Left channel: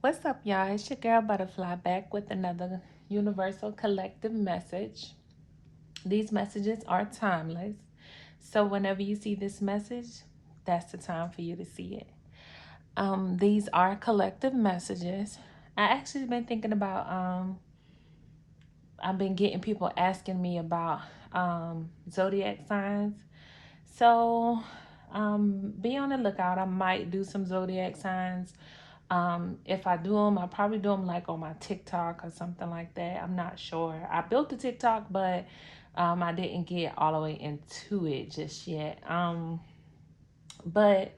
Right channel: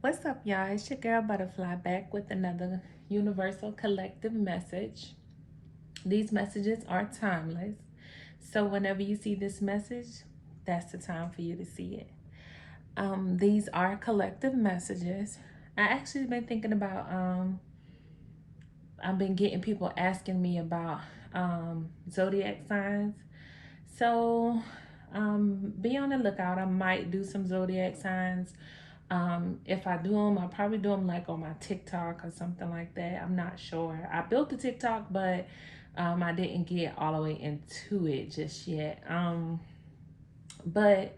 What's up, y'all? It's your girl Butterfly back with another universal collective message. These messages are timeless. So, whenever you see this message, that's the time for you to see it. These are collective messages. I actually been thinking about, I've been getting people asking me about zodiac signs. So, be on the lookout. I might do some zodiac signs. If I do them, I'll probably do them like on my TikTok or something like that. I'm not sure. I built the TikTok, but I didn't get all the way into it just yet. But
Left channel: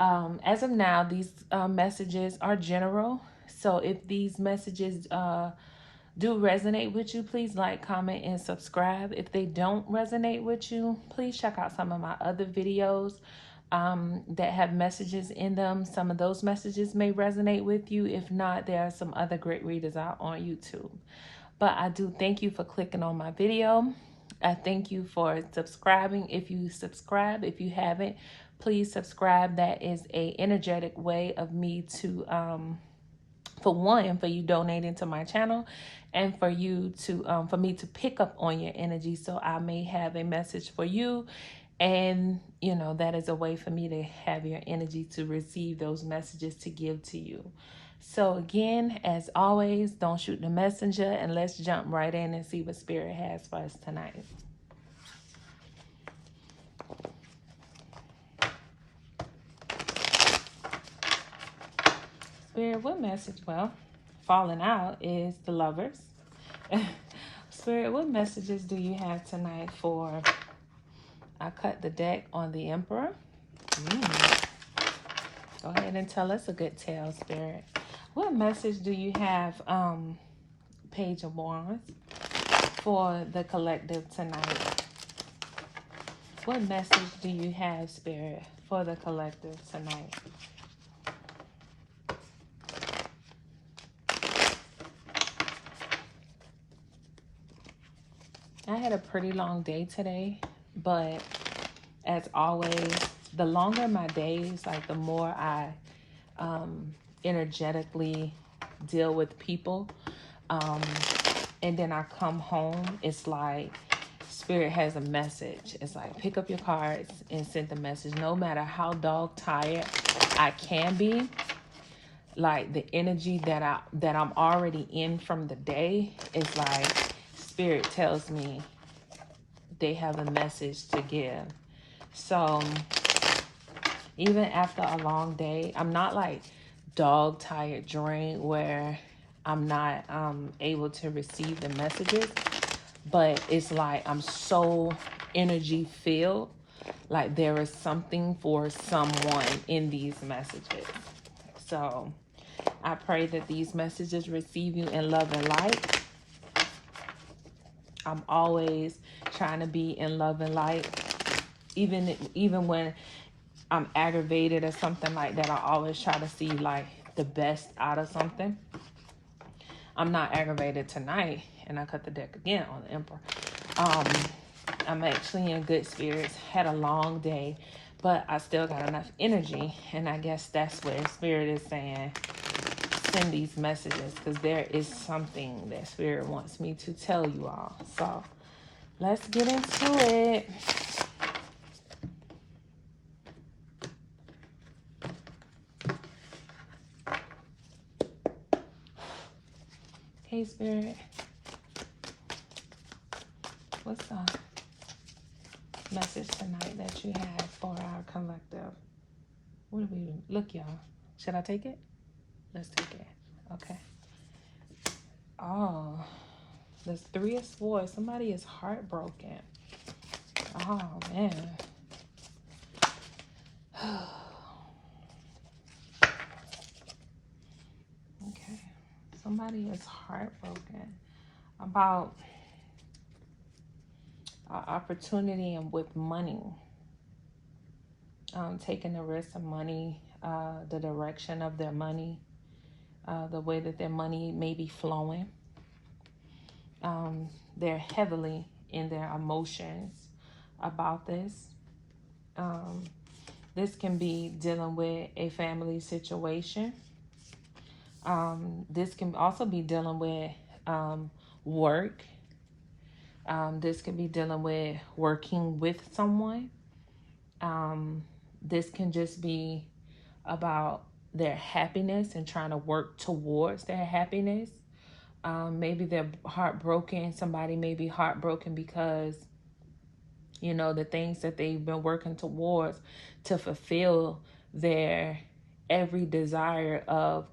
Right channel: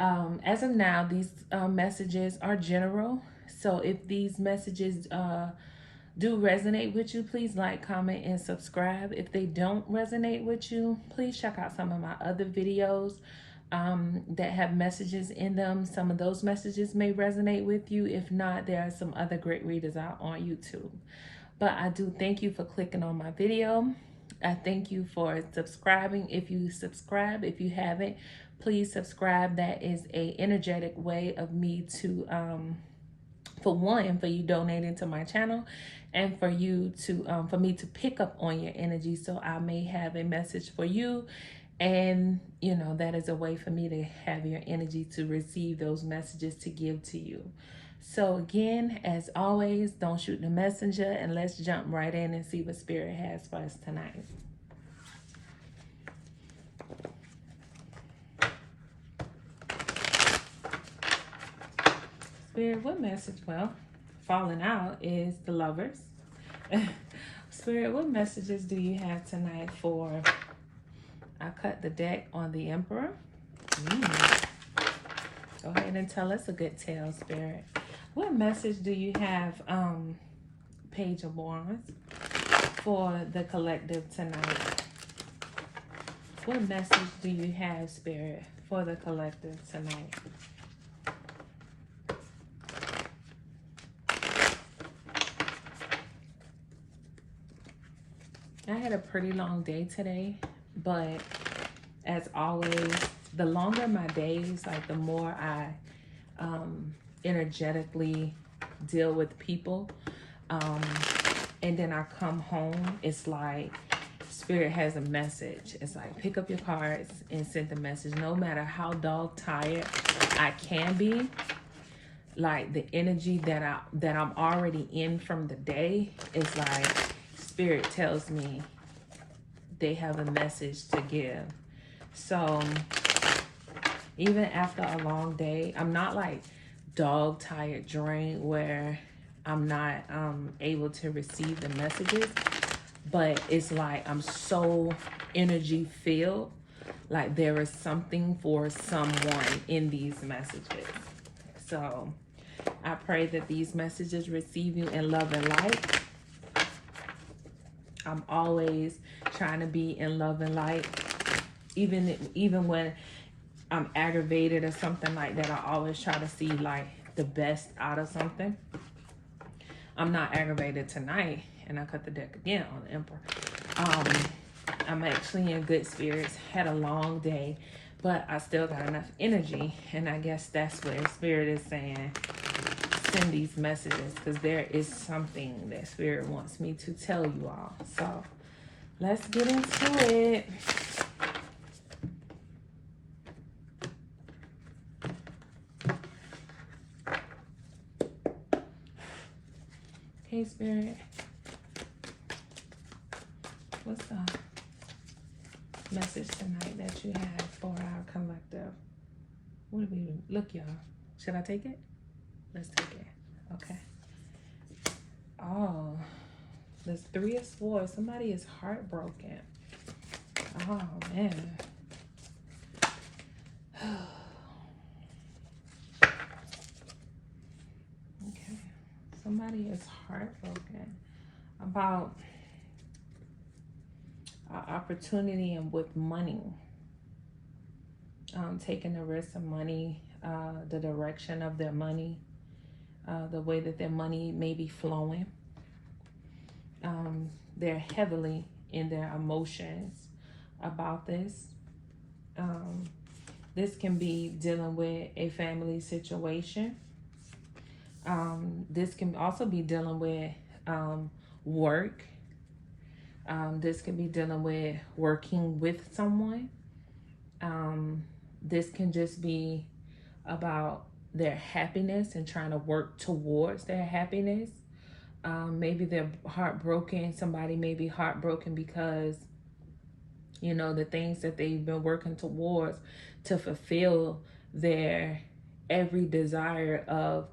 as of now, these messages are general. So if these messages do resonate with you, please like, comment, and subscribe. If they don't resonate with you, please check out some of my other videos that have messages in them. Some of those messages may resonate with you. If not, there are some other great readers out on YouTube. But I do thank you for clicking on my video. I thank you for subscribing. If you subscribe, if you haven't, please subscribe. That is a energetic way of me to for one, for you donating to my channel, and for you to for me to pick up on your energy, so I may have a message for you. And that is a way for me to have your energy to receive those messages to give to you. So again, as always, don't shoot the messenger, and let's jump right in and see what Spirit has for us tonight. Spirit, what message? Well, falling out is the Lovers. Spirit, what messages do you have tonight for... I cut the deck on the Emperor. Go ahead and tell us a good tale, Spirit. What message do you have, Page of Wands, for the collective tonight? What message do you have, Spirit, for the collective tonight? I had a pretty long day today, but as always, the longer my days, like the more I energetically deal with people, and then I come home, it's like Spirit has a message. It's like, pick up your cards and send the message. No matter how dog tired I can be, like the energy that I'm already in from the day is like Spirit tells me they have a message to give. So even after a long day, I'm not like dog tired, drained, where I'm not able to receive the messages, but it's like I'm so energy filled, like there is something for someone in these messages. So I pray that these messages receive you in love and light. I'm always trying to be in love and light, even when I'm aggravated or something like that. I always try to see like the best out of something. I'm not aggravated tonight, and I cut the deck again on the Emperor. I'm actually in good spirits. Had a long day, but I still got enough energy, and I guess that's where Spirit is saying, send these messages, because there is something that Spirit wants me to tell you all. So let's get into it. Okay, Spirit, what's the message tonight that you have for our collective? What do we do? Look, y'all. Should I take it? Let's take it. Okay. Oh, there's 3 of Swords. Somebody is heartbroken. Oh, man. Okay. Somebody is heartbroken about an opportunity and with money. Taking the risk of money, the direction of their money, the way that their money may be flowing. They're heavily in their emotions about this. This can be dealing with a family situation. This can also be dealing with work. This can be dealing with working with someone. This can just be about their happiness and trying to work towards their happiness. Maybe they're heartbroken. Somebody may be heartbroken because, you know, the things that they've been working towards to fulfill their every desire of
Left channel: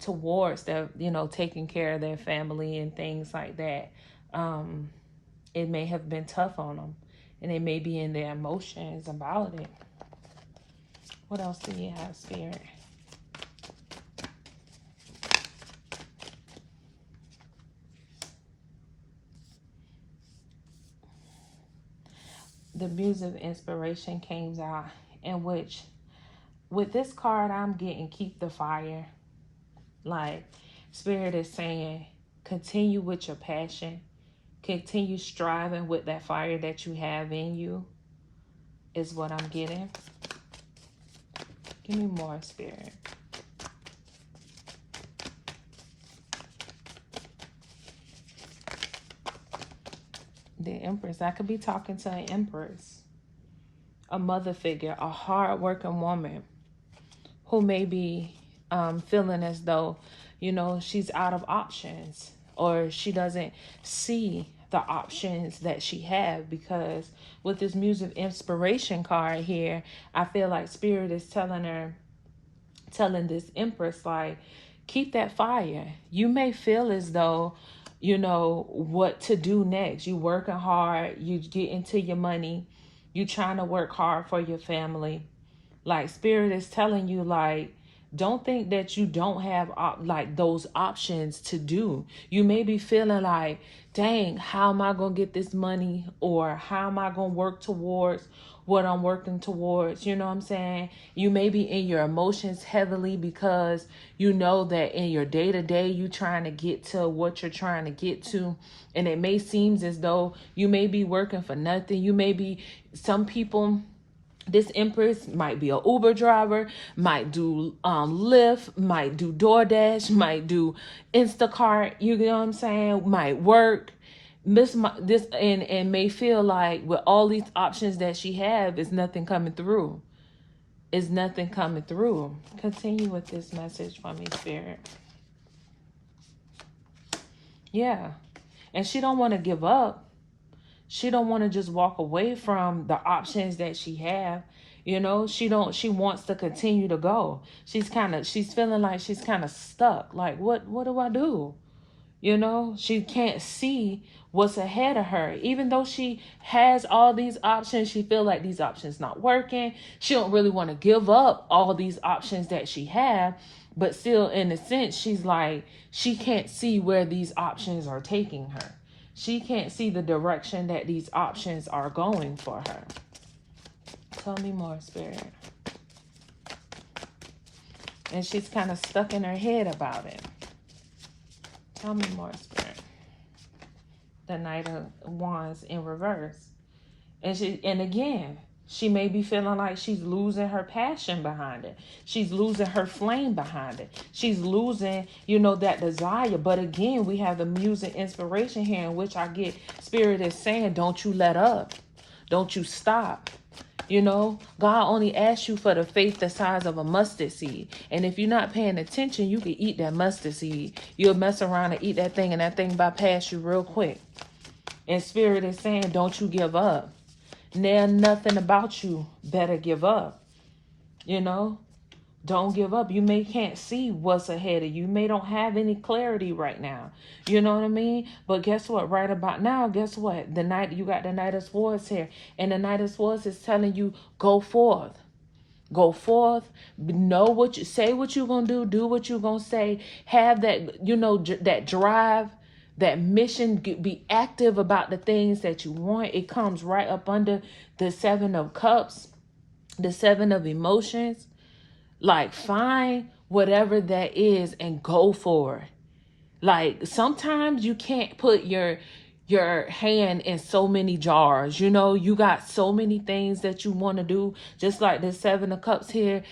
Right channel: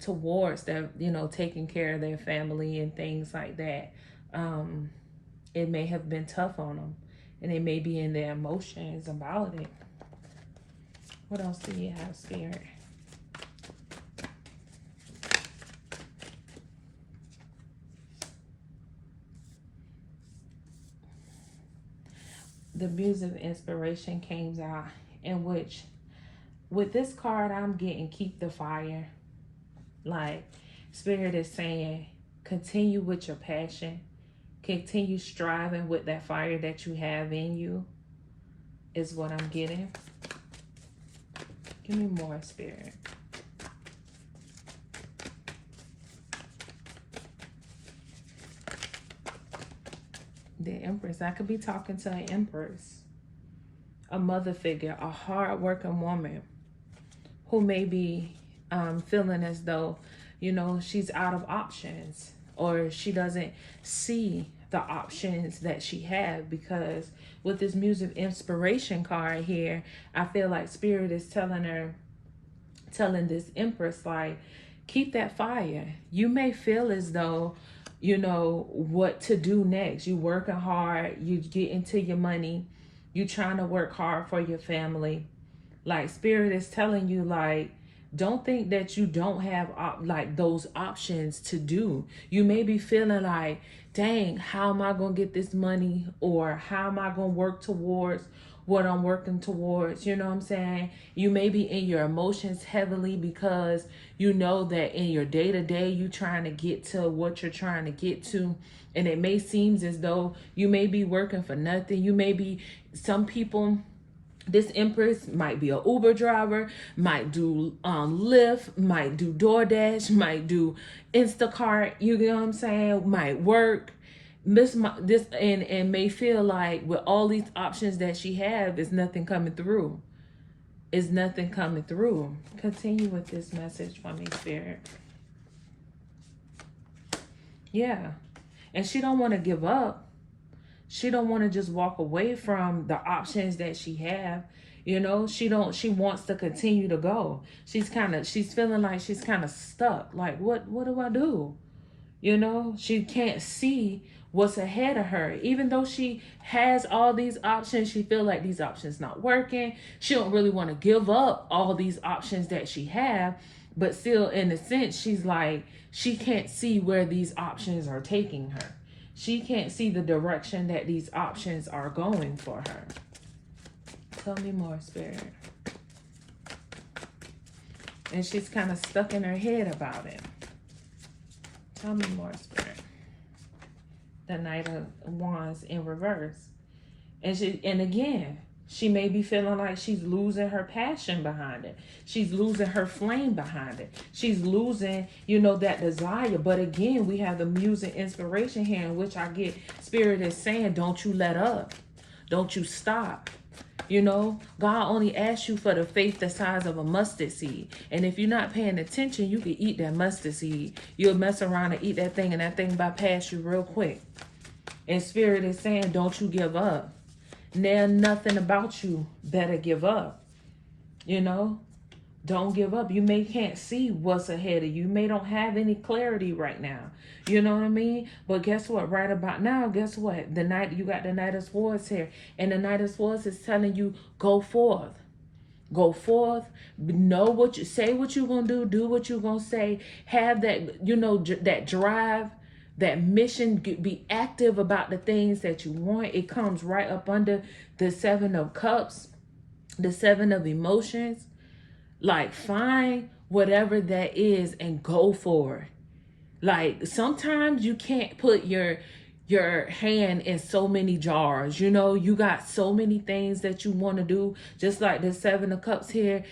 towards their, you know, taking care of their family and things like that. It may have been tough on them, and they may be in their emotions about it. What else do you have, Spirit? The Muse of Inspiration came out, in which with this card I'm getting keep the fire. Like, Spirit is saying, continue with your passion. Continue striving with that fire that you have in you, is what I'm getting. Give me more, Spirit. The Empress. I could be talking to an Empress, a mother figure, a hard-working woman who may be feeling as though, you know, she's out of options, or she doesn't see the options that she have, because with this Muse of Inspiration card here, I feel like Spirit is telling this Empress, like, keep that fire. You may feel as though, you know, what to do next. You working hard, you get into your money, you trying to work hard for your family. Like, Spirit is telling you, like, don't think that you don't have like those options to do. You may be feeling like, dang, how am I going to get this money? Or how am I going to work towards what I'm working towards? You know what I'm saying? You may be in your emotions heavily because you know that in your day-to-day, you trying to get to what you're trying to get to. And it may seem as though you may be working for nothing. You may be, some people, this Empress might be an Uber driver, might do Lyft, might do DoorDash, might do Instacart, you know what I'm saying, might work. This and may feel like with all these options that she have, is nothing coming through. Is nothing coming through. Continue with this message for me, Spirit. Yeah. And she don't want to give up. She don't want to just walk away from the options that she have. You know, she wants to continue to go. She's feeling like she's kind of stuck. Like, what do I do? You know, she can't see what's ahead of her. Even though she has all these options, she feel like these options not working. She don't really want to give up all these options that she have, but still, in a sense, she's like, she can't see where these options are taking her. She can't see the direction that these options are going for her. Tell me more, Spirit. And she's kind of stuck in her head about it. Tell me more, Spirit. The Knight of Wands in reverse. And again, she may be feeling like she's losing her passion behind it. She's losing her flame behind it. She's losing, you know, that desire. But again, we have the Muse and Inspiration here, in which I get Spirit is saying, don't you let up. Don't you stop. You know, God only asks you for the faith the size of a mustard seed. And if you're not paying attention, you can eat that mustard seed. You'll mess around and eat that thing, and that thing bypass you real quick. And Spirit is saying, don't you give up. Now nothing about you better give up. You know, don't give up. You may can't see what's ahead of you. You may don't have any clarity right now. You know what I mean? But guess what? Right about now, guess what? You got the Knight of Swords here. And the Knight of Swords is telling you, go forth. Go forth. Know what you say, what you're going to do what you're going to say. Have that, you know, that drive, that mission, be active about the things that you want. It comes right up under the Seven of Cups, the Seven of Emotions. Like, find whatever that is and go for it. Like, sometimes you can't put your your hand in so many jars. You know, you got so many things that you want to do. Just like the Seven of Cups here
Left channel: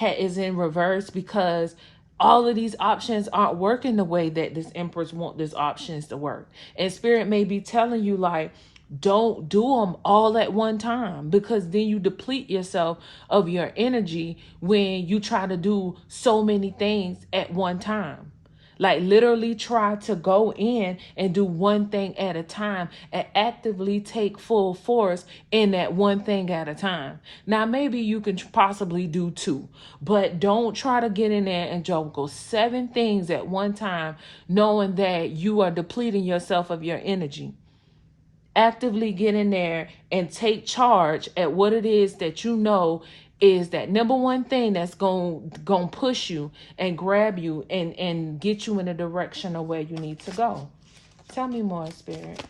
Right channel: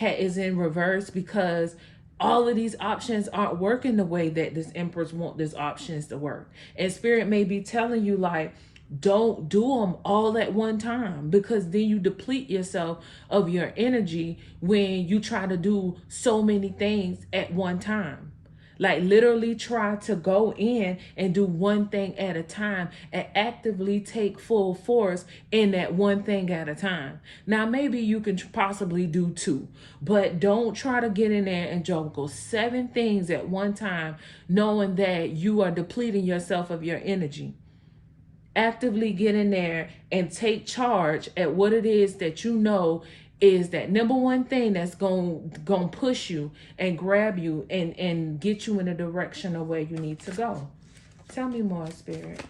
is in reverse, because all of these options aren't working the way that this Empress want these options to work. And Spirit may be telling you, like, don't do them all at one time, because then you deplete yourself of your energy when you try to do so many things at one time. Like, literally try to go in and do one thing at a time and actively take full force in that one thing at a time. Now, maybe you can possibly do two, but don't try to get in there and juggle 7 things at one time, knowing that you are depleting yourself of your energy. Actively get in there and take charge at what it is that you know is that number one thing that's going to push you and grab you and get you in the direction of where you need to go. Tell me more, Spirit.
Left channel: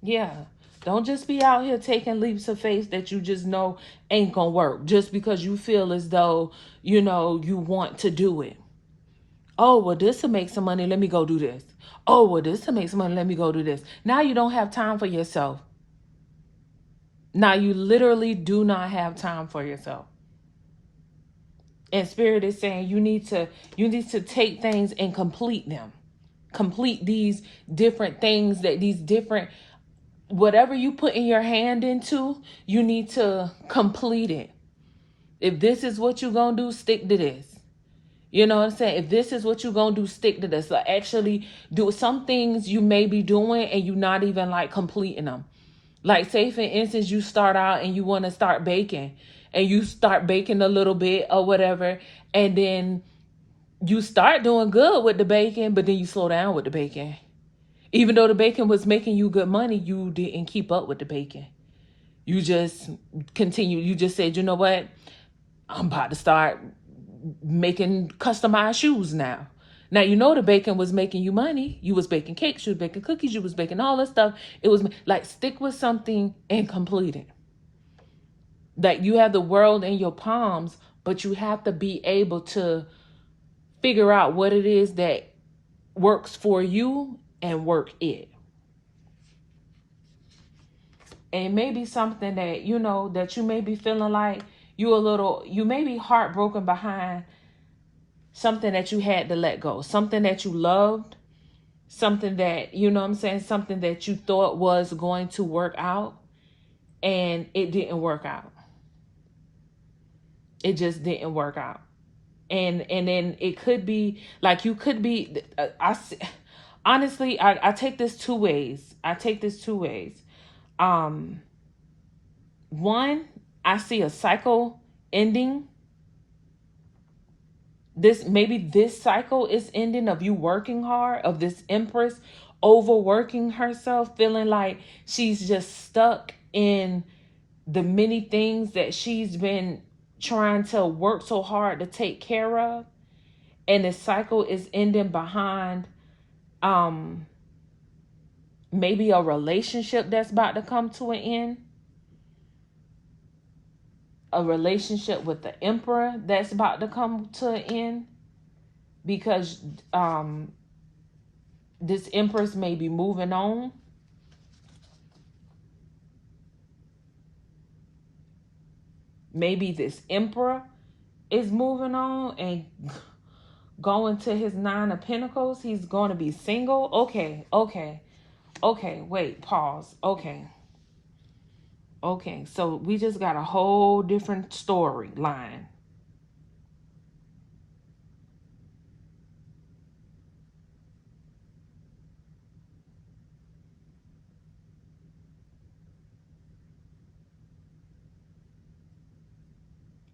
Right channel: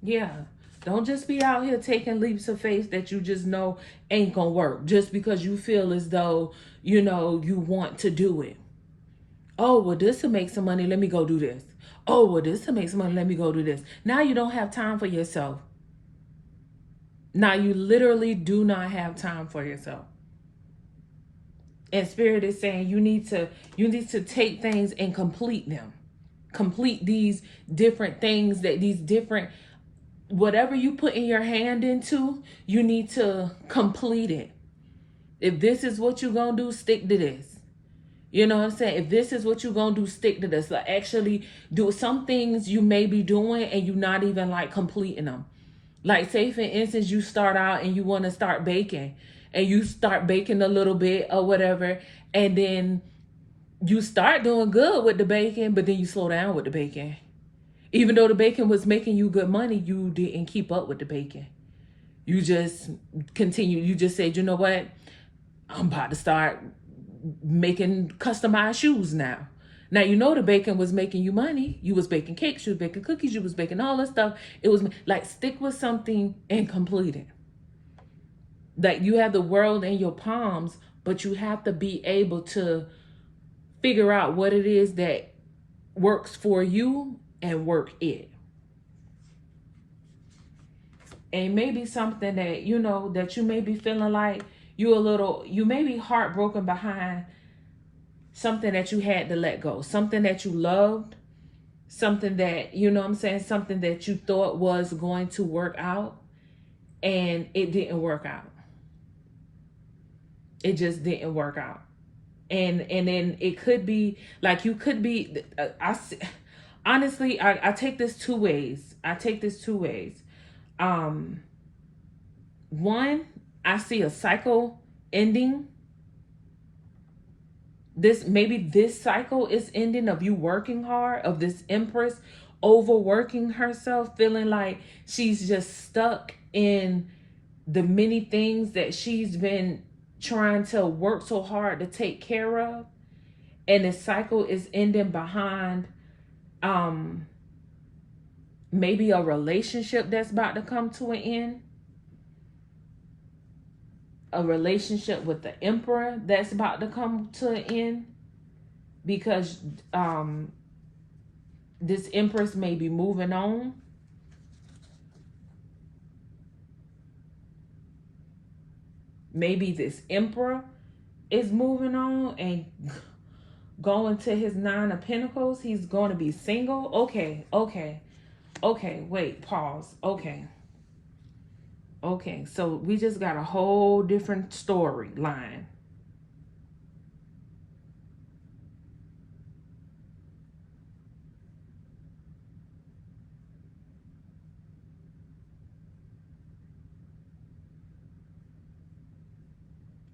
Yeah. Don't just be out here taking leaps of faith that you just know ain't gonna work just because you feel as though, you know, you want to do it. Oh, well, this will make some money. Let me go do this. Oh, well, this will make some money. Let me go do this. Now you don't have time for yourself. Now you literally do not have time for yourself. And Spirit is saying you need to take things and complete them. Complete these different things, that these different, whatever you put in your hand into, you need to complete it. If this is what you're going to do, stick to this. You know what I'm saying? If this is what you're going to do, stick to this. Like, actually do some things you may be doing and you're not even like completing them. Like, say for instance, you start out and you want to start baking, and you start baking a little bit or whatever. And then you start doing good with the baking, but then you slow down with the baking. Even though the baking was making you good money, you didn't keep up with the baking. You just continue. You just said, you know what? I'm about to start making customized shoes now. Now, you know, the baking was making you money. You was baking cakes, you was baking cookies, you was baking all this stuff. It was like, stick with something and complete it. That you have the world in your palms, but you have to be able to figure out what it is that works for you and work it. And maybe something that, you know, that you may be feeling like you may be heartbroken behind something that you had to let go, something that you loved, something that, you know what I'm saying, something that you thought was going to work out, and it didn't work out. It just didn't work out. And then it could be like, you could be, honestly, I take this two ways. One, I see a cycle ending. This cycle is ending of you working hard, of this Empress overworking herself, feeling like she's just stuck in the many things that she's been trying to work so hard to take care of. And the cycle is ending behind maybe a relationship that's about to come to an end. A relationship with the Emperor that's about to come to an end, because this Empress may be moving on. Maybe this Emperor is moving on and going to his 9 of Pentacles. He's going to be single. Okay, wait, pause. Okay, so we just got a whole different storyline.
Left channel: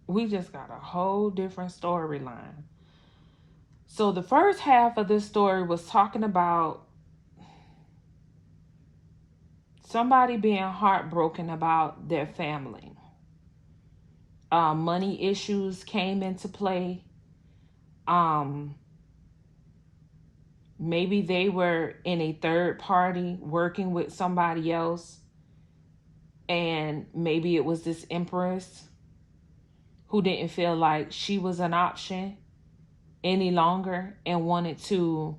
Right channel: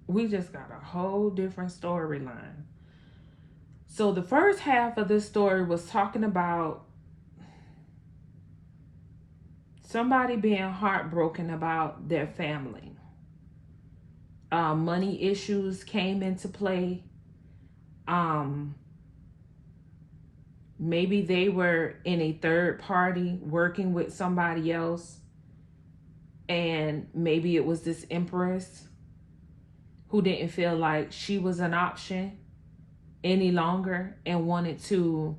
We just got a whole different storyline. So the first half of this story was talking about somebody being heartbroken about their family. Money issues came into play. Maybe they were in a third party working with somebody else, and maybe it was this Empress. who didn't feel like she was an option any longer and wanted to,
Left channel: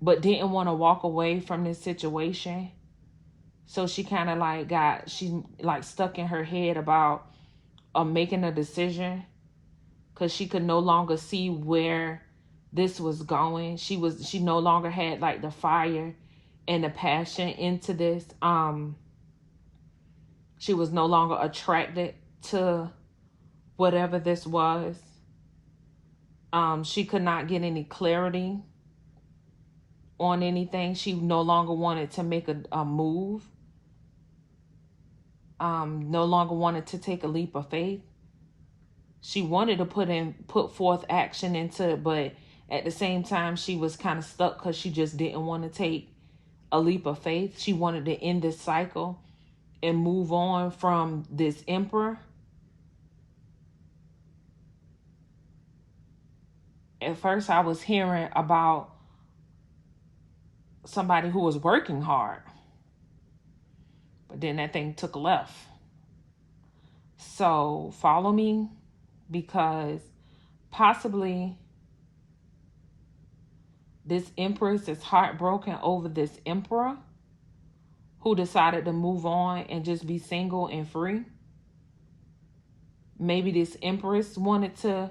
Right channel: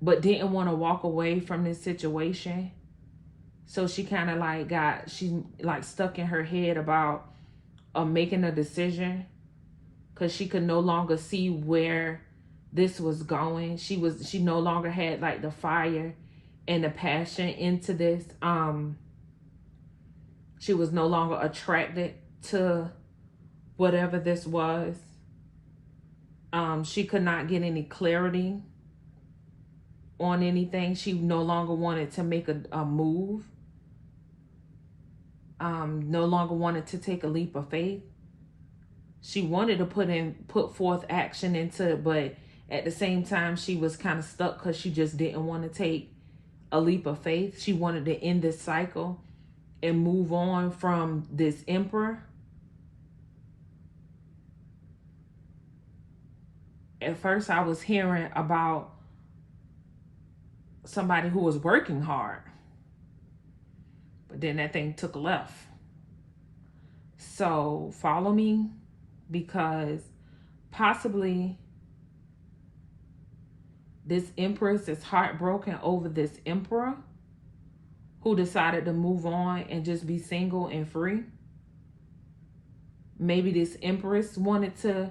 but didn't want to walk away from this situation. So she kind of like she like stuck in her head about making a decision, because she could no longer see where this was going. She no longer had like the fire and the passion into this. She was no longer attracted to whatever this was. She could not get any clarity on anything. She no longer wanted to make a move. No longer wanted to take a leap of faith. She wanted to put forth action into it, but at the same time, she was kind of stuck because she just didn't want to take a leap of faith. She wanted to end this cycle and move on from this emperor. At first, I was hearing about somebody who was working hard, but then that thing took a left. So follow me, because possibly this empress is heartbroken over this emperor who decided to move on and just be single and free. Maybe this empress wanted to,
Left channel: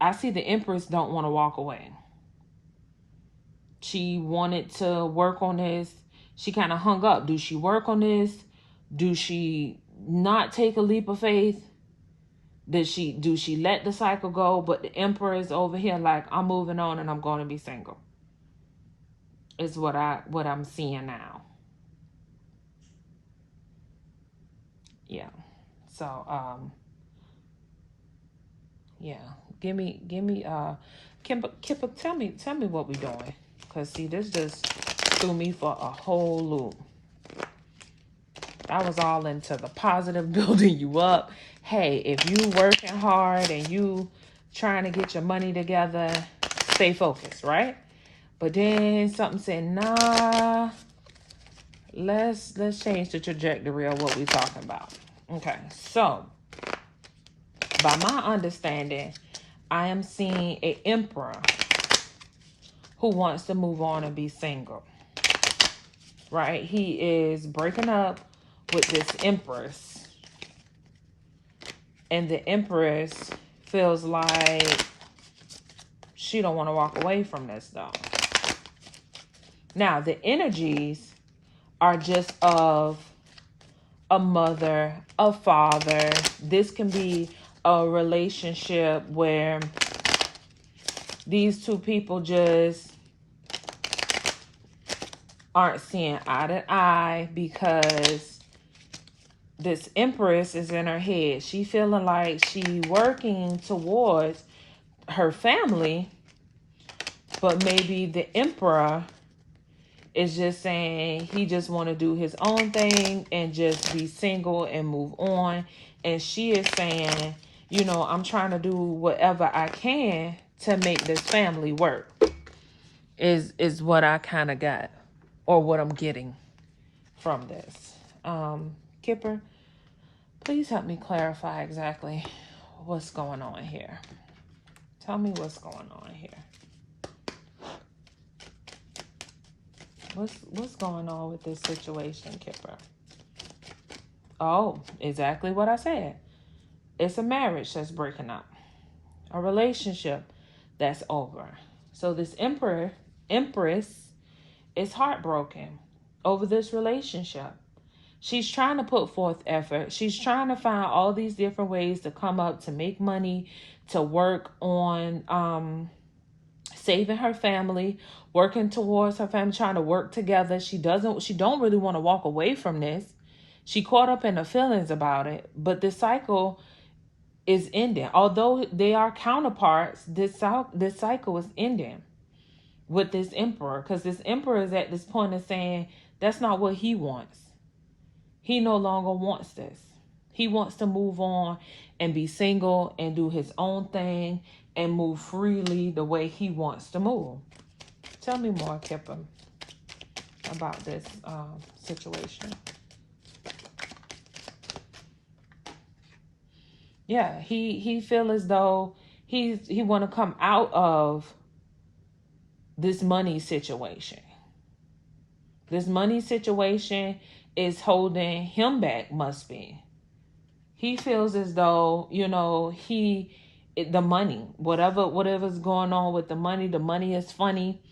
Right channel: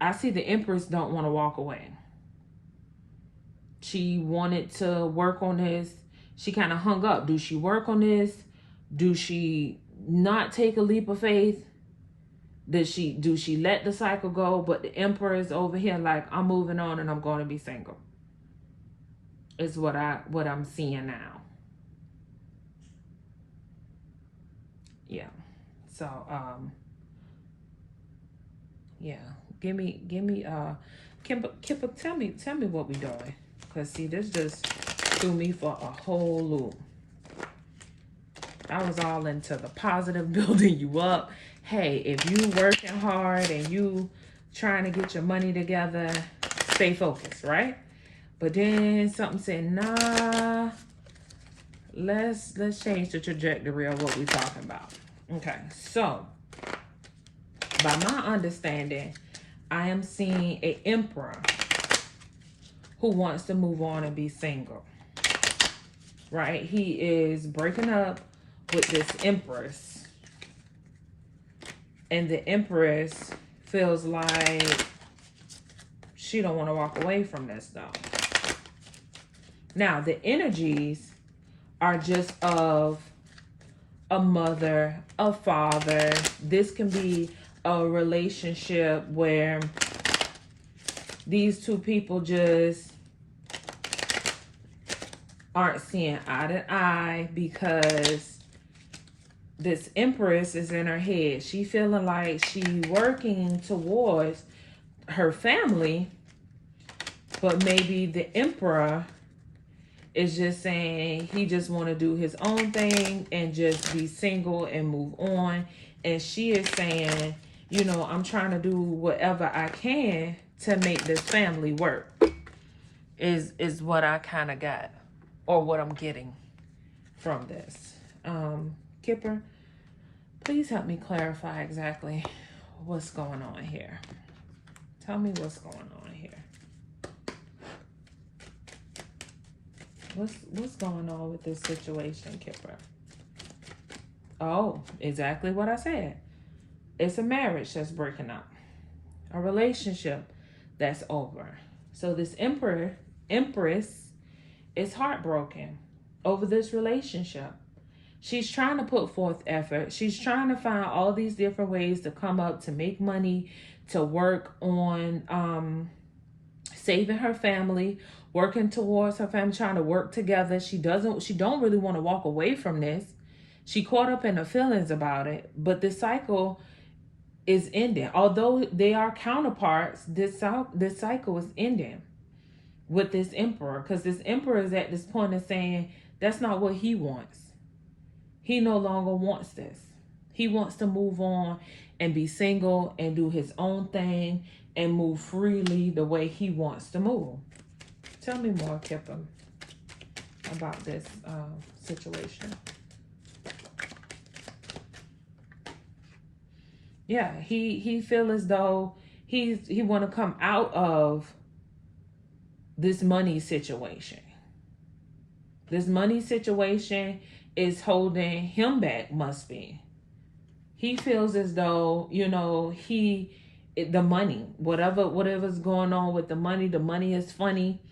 I see the empress don't want to walk away. She wanted to work on this. She kind of hung up. Do she work on this? Do she not take a leap of faith? Do she let the cycle go? But the emperor is over here like, I'm moving on and I'm going to be single. Is what I'm seeing now. Yeah. So yeah. Give me Kipper, tell me what we doing. Cause see, this just threw me for a whole loop. I was all into the positive, building you up. Hey, if you working hard and you trying to get your money together, stay focused, right? But then something said, nah, let's change the trajectory of what we're talking about. Okay, so by my understanding, I am seeing an emperor who wants to move on and be single, right? He is breaking up with this empress, and the empress feels like she don't want to walk away from this though. Now the energies are just of a mother, a father. This can be a relationship where these two people just aren't seeing eye to eye, because this empress is in her head. She feeling like she working towards her family, but maybe the emperor is just saying he just want to do his own thing and just be single and move on. And she is saying, you know, I'm trying to do whatever I can to make this family work, is what I kind of got, or what I'm getting from this. Kipper, please help me clarify exactly what's going on here. Tell me what's going on here. What's going on with this situation, Kipper? Oh, exactly what I said. It's a marriage that's breaking up. A relationship that's over. So this empress is heartbroken over this relationship. She's trying to put forth effort. She's trying to find all these different ways to come up, to make money, to work on saving her family, working towards her family, trying to work together. She don't really want to walk away from this. She caught up in her feelings about it, but this cycle is ending. Although they are counterparts, this cycle is ending with this emperor, because this emperor is at this point of saying that's not what he wants. He no longer wants this. He wants to move on and be single and do his own thing and move freely the way he wants to move. Tell me more, Kipper, about this situation. Yeah, he feel as though he want to come out of this money situation. This money situation is holding him back, must be. He feels as though, the money, whatever's going on with the money is funny.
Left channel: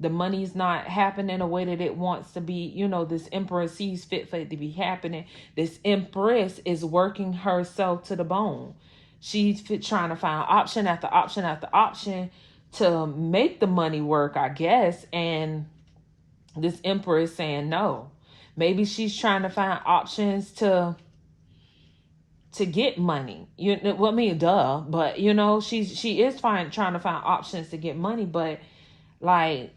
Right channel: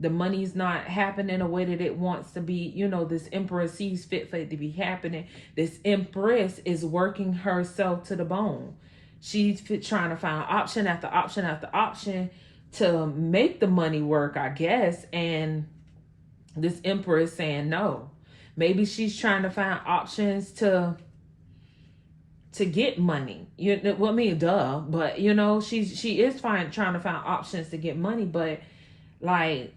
The money's not happening the way that it wants to be. This empress sees fit for it to be happening. This empress is working herself to the bone. She's trying to find option after option after option to make the money work, I guess. And this empress saying no. Maybe she's trying to find options to get money. Well, I mean, duh. But she is trying to find options to get money. But like,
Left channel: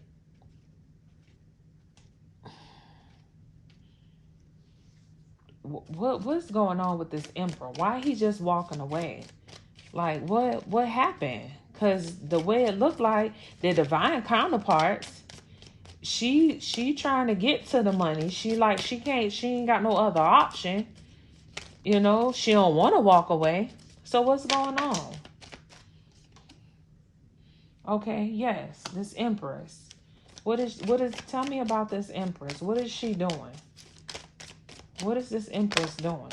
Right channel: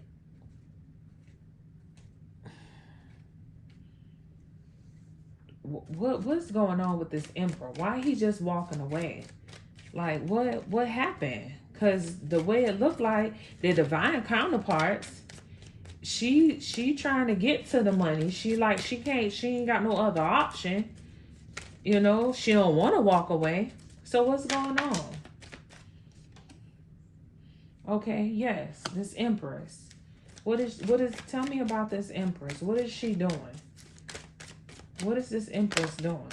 what's going on with this emperor? Why he just walking away? Like, what happened? Because the way it looked like their divine counterparts, she trying to get to the money. She ain't got no other option. She don't want to walk away. So what's going on? Okay, yes, this empress. Tell me about this empress. What is she doing? What is this empress doing?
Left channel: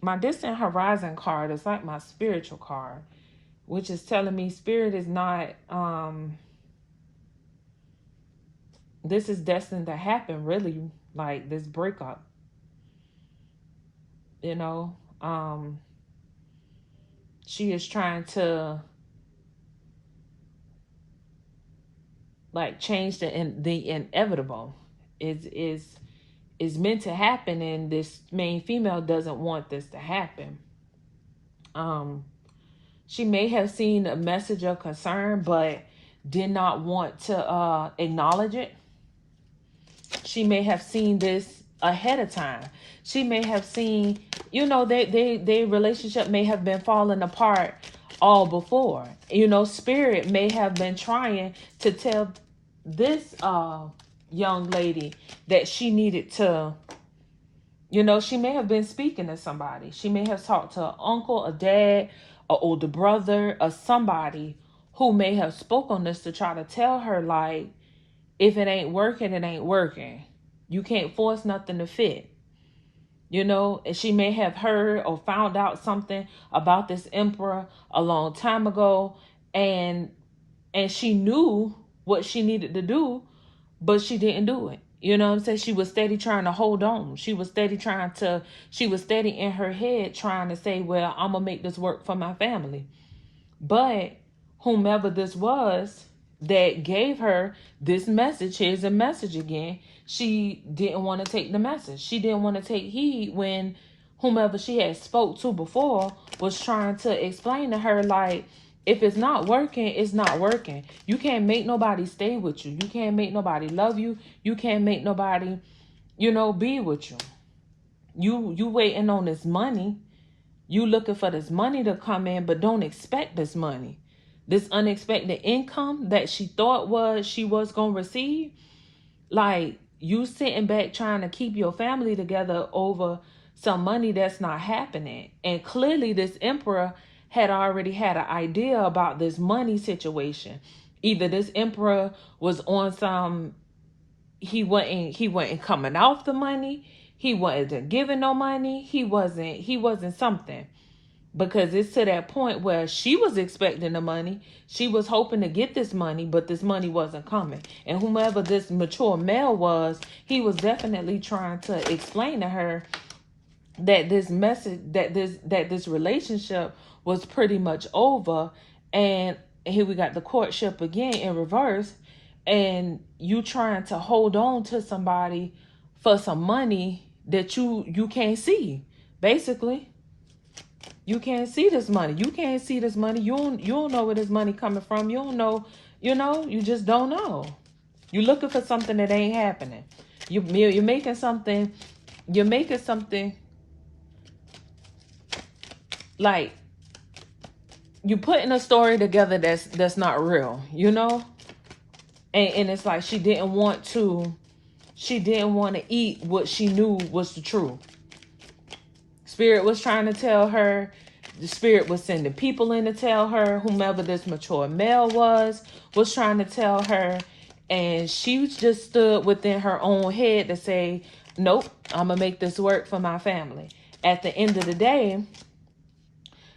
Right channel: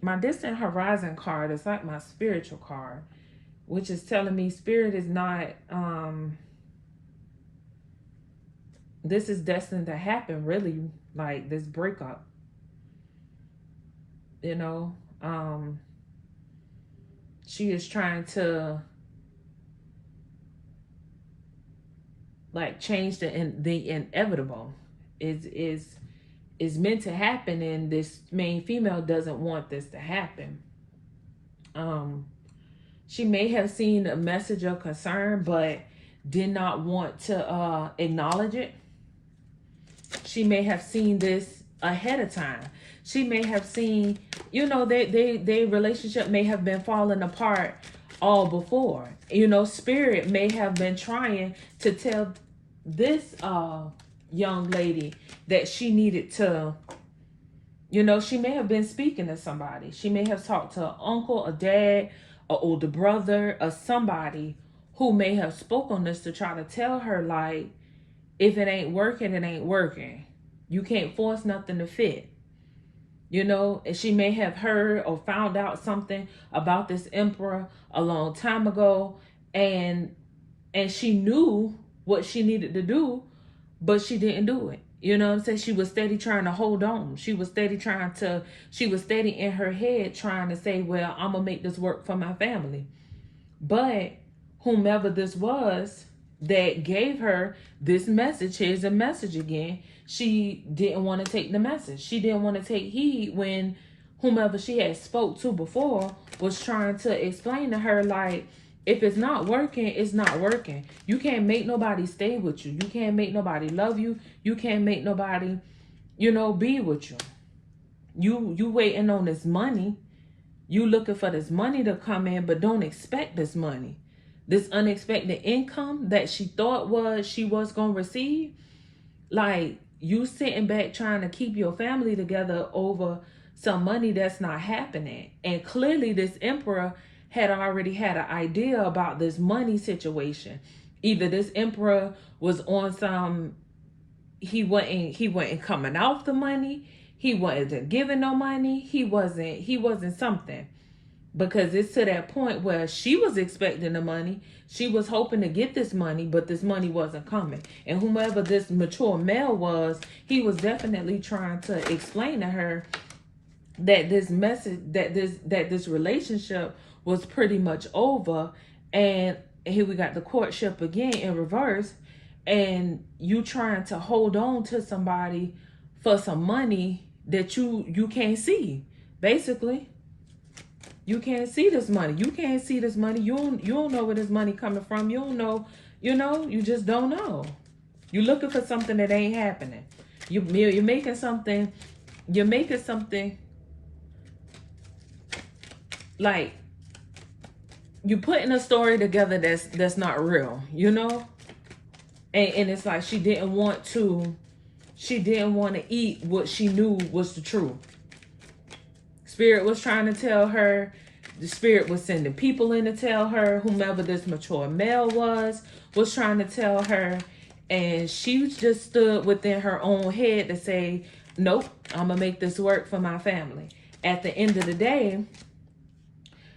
My distant horizon card is like my spiritual card, which is telling me spirit is not, this is destined to happen, really, like this breakup. She is trying to like change the inevitable. Is meant to happen, and this main female doesn't want this to happen. She may have seen a message of concern but did not want to acknowledge it. She may have seen this ahead of time. She may have seen, their relationship may have been falling apart all before. Spirit may have been trying to tell this young lady that she needed to, she may have been speaking to somebody. She may have talked to an uncle, a dad, an older brother, or somebody who may have spoke on this to try to tell her, like, if it ain't working, it ain't working. You can't force nothing to fit. And she may have heard or found out something about this emperor a long time ago, and she knew what she needed to do, but she didn't do it. You know what I'm saying? She was steady trying to hold on. She was steady in her head trying to say, well, I'm going to make this work for my family. But whomever this was that gave her this message, here's a message again, she didn't want to take the message. She didn't want to take heed when whomever she had spoke to before was trying to explain to her, like, if it's not working, it's not working. You can't make nobody stay with you. You can't make nobody love you. You can't make nobody, be with you. You waiting on this money. You looking for this money to come in, but don't expect this money. This unexpected income that she thought she was going to receive. Like, you sitting back trying to keep your family together over some money that's not happening. And clearly this emperor had already had an idea about this money situation. Either this emperor was on some, he wasn't coming off the money, he wasn't giving no money, he wasn't something. Because it's to that point where she was expecting the money, she was hoping to get this money, but this money wasn't coming. And whomever this mature male was, he was definitely trying to explain to her that this message, that this relationship was pretty much over. And here we got the courtship again in reverse, and you trying to hold on to somebody for some money that you can't see. Basically, you can't see this money. You can't see this money. You don't know where this money coming from. You don't know. You just don't know. You're looking for something that ain't happening. You're making something. You're making something like you're putting a story together that's not real. And it's like she didn't want to she didn't want to eat what she knew was the truth. Spirit was trying to tell her. The spirit was sending people in to tell her. Whomever this mature male was trying to tell her. And she just stood within her own head to say, nope, I'm going to make this work for my family. At the end of the day,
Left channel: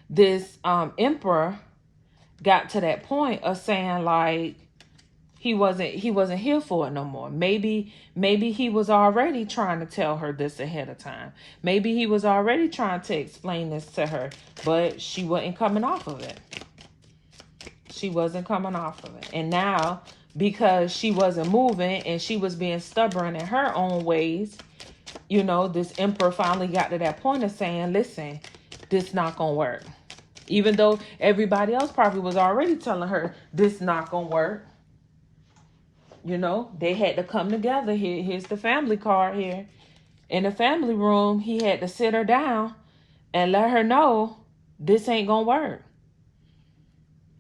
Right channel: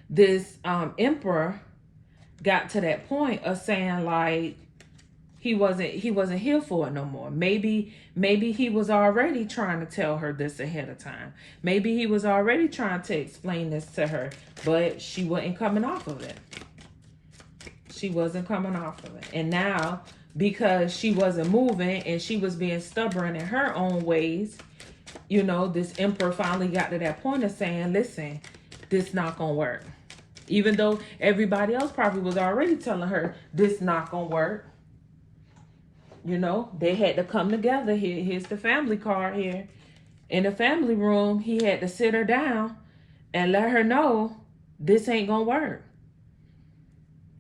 this emperor got to that point of saying, like, he wasn't here for it no more. Maybe he was already trying to tell her this ahead of time. Maybe he was already trying to explain this to her, but she wasn't coming off of it. She wasn't coming off of it. And now, because she wasn't moving and she was being stubborn in her own ways, you know, this emperor finally got to that point of saying, listen, this not gonna work. Even though everybody else probably was already telling her this not gonna work. You know, they had to come together. Here's the family card here. In the family room, he had to sit her down and let her know this ain't gonna work.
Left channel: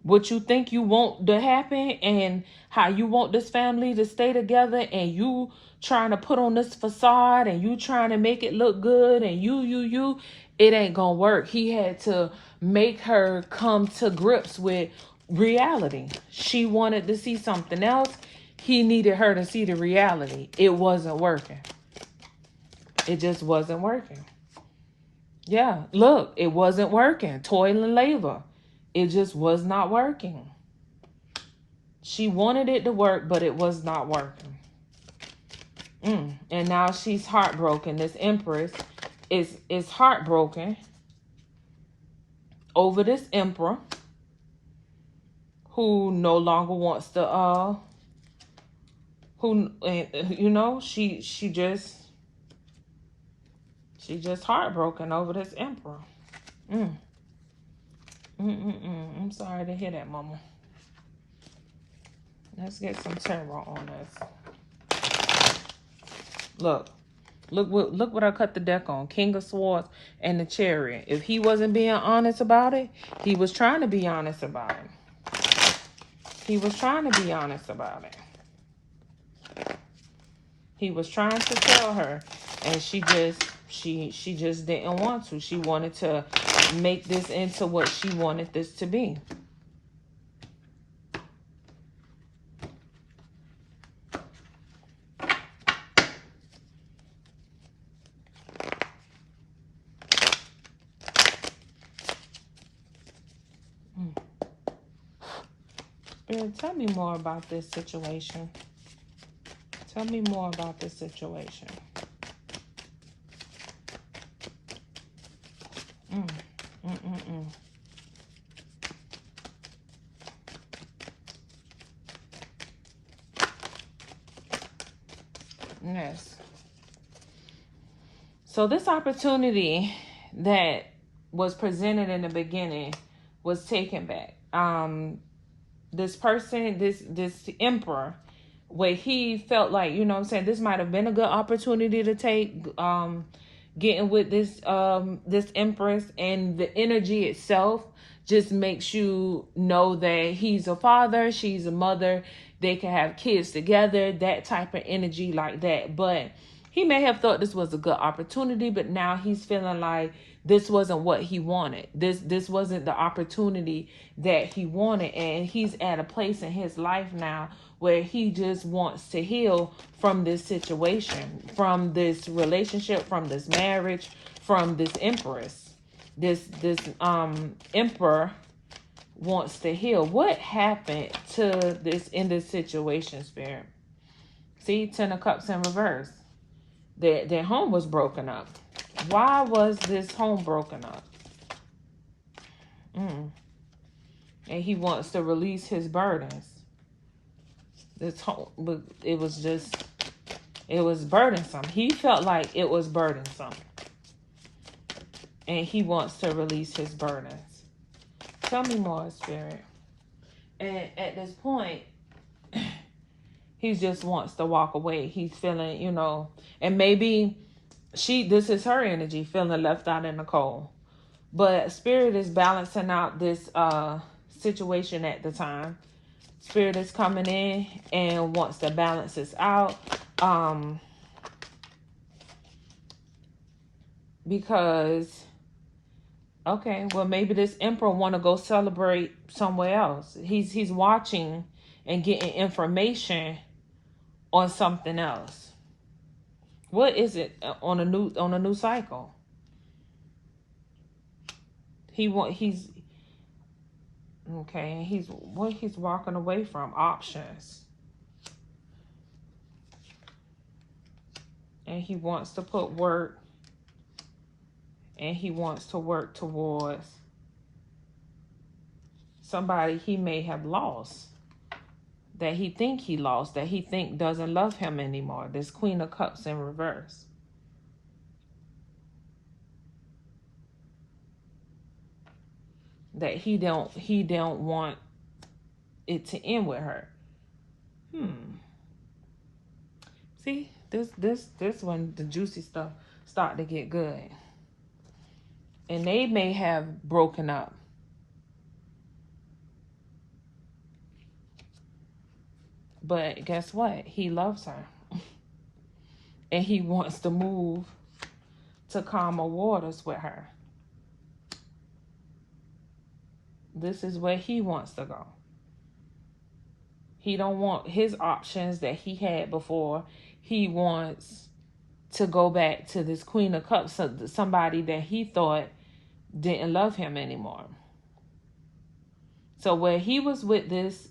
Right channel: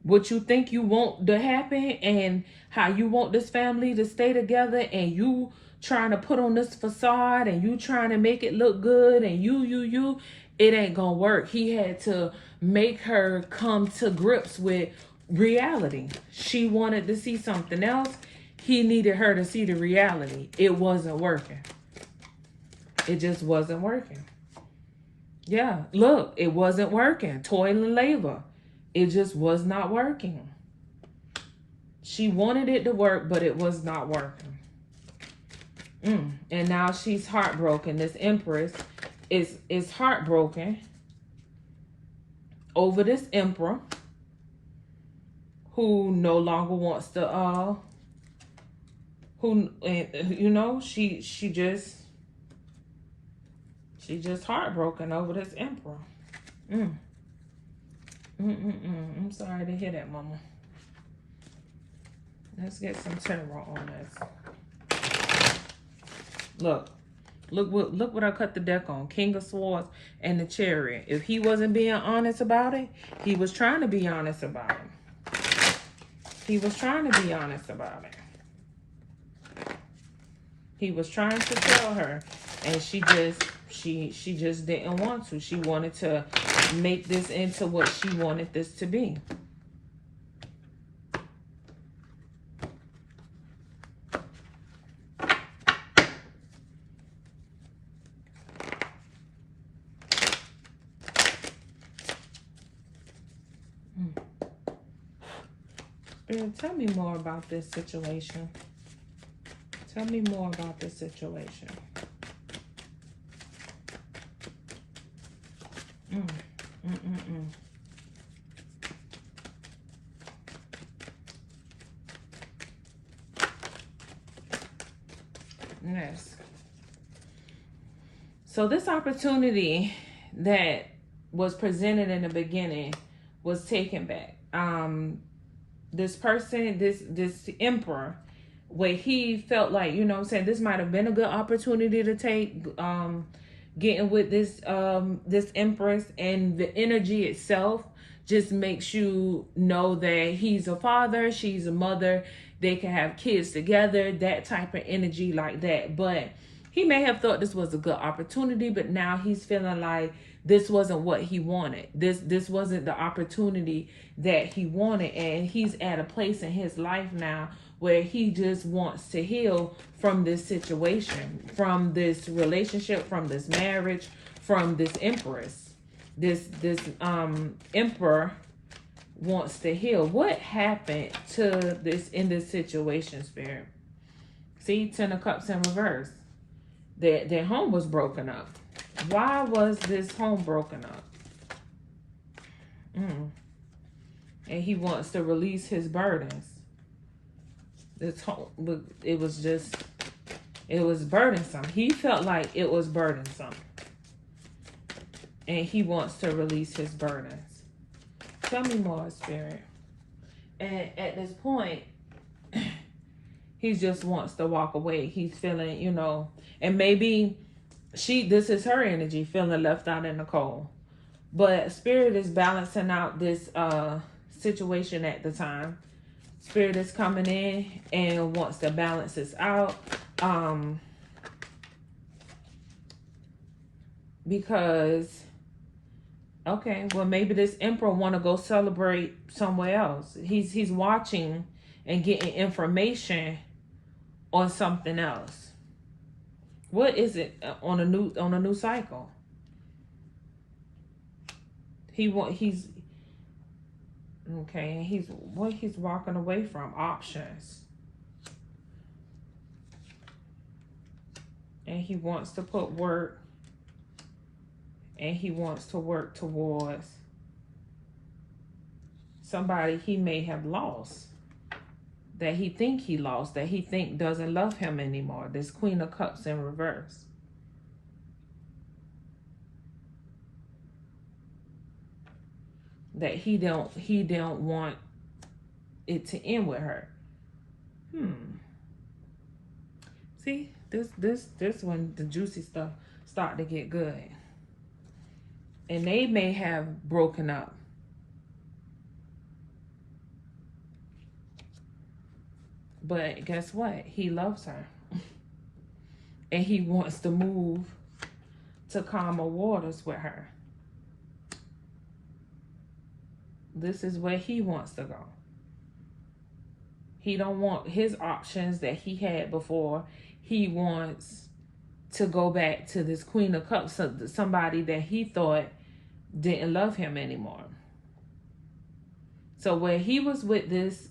What you think you want to happen and how you want this family to stay together, and you trying to put on this facade and you trying to make it look good, and you, it ain't gonna work. He had to make her come to grips with reality. She wanted to see something else. He needed her to see the reality. It wasn't working. It just wasn't working. Yeah, look, it wasn't working. Toil and labor. It just was not working. She wanted it to work, but it was not working. And now she's heartbroken. This empress is heartbroken over this emperor who no longer wants to you know, she just heartbroken over this emperor. I'm sorry to hear that, Mama. Let's get some tarot on this. Look what I cut the deck on. King of Swords and the Chariot. If he wasn't being honest about it, he was trying to be honest about it. He was trying to be honest about it. He was trying to tell her, and she just didn't want to. She wanted to make this into what she wanted this to be. Spirit, tell me more about this situation. Tell me more about this situation. Yes. So this opportunity that was presented in the beginning was taken back. This person, this emperor, where he felt like, you know what I'm saying, this might have been a good opportunity to take, getting with this this empress, and the energy itself just makes you know that he's a father, she's a mother, they can have kids together, that type of energy like that. But he may have thought this was a good opportunity, but now he's feeling like this wasn't what he wanted. This wasn't the opportunity that he wanted, and he's at a place in his life now where he just wants to heal from this situation, from this relationship, from this marriage, from this empress. This emperor wants to heal. What happened to this in this situation, Spirit? See, 10 of Cups in reverse. Their home was broken up. Why was this home broken up? And he wants to release his burdens. This whole, but it was burdensome. He felt like it was burdensome, and he wants to release his burdens. Tell me more, Spirit. And at this point, he just wants to walk away. He's feeling, you know, and maybe this is her energy, feeling left out in the cold. But Spirit is balancing out this situation at the time. Spirit is coming in and wants to balance this out. because, okay, well, maybe this emperor want to go celebrate somewhere else. He's watching and getting information on something else. What is it on a new cycle? He's okay. He's walking away from options, and he wants to put work, and he wants to work towards somebody he may have lost, that he lost, that he think doesn't love him anymore. This Queen of Cups in reverse. That he don't want it to end with her. See, this when the juicy stuff start to get good. And they may have broken up. But guess what? He loves her. And he wants to move to calmer waters with her. This is where he wants to go. He don't want his options that he had before. He wants to go back to this Queen of Cups, somebody that he thought didn't love him anymore. So where he was with this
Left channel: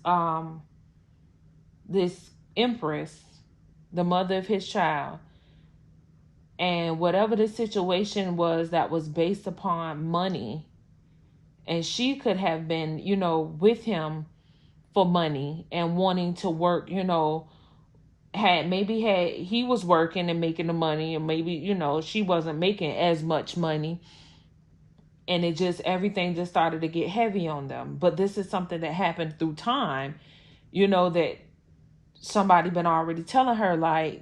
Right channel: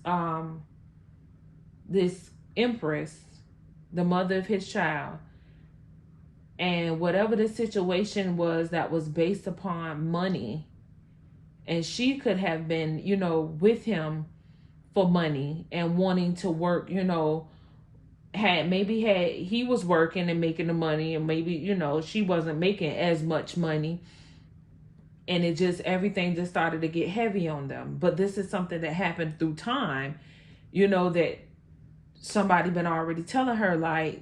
this empress, the mother of his child, and whatever the situation was that was based upon money, and she could have been, with him for money and wanting to work, he was working and making the money, and maybe, she wasn't making as much money, and everything just started to get heavy on them. But this is something that happened through time, that somebody been already telling her, like,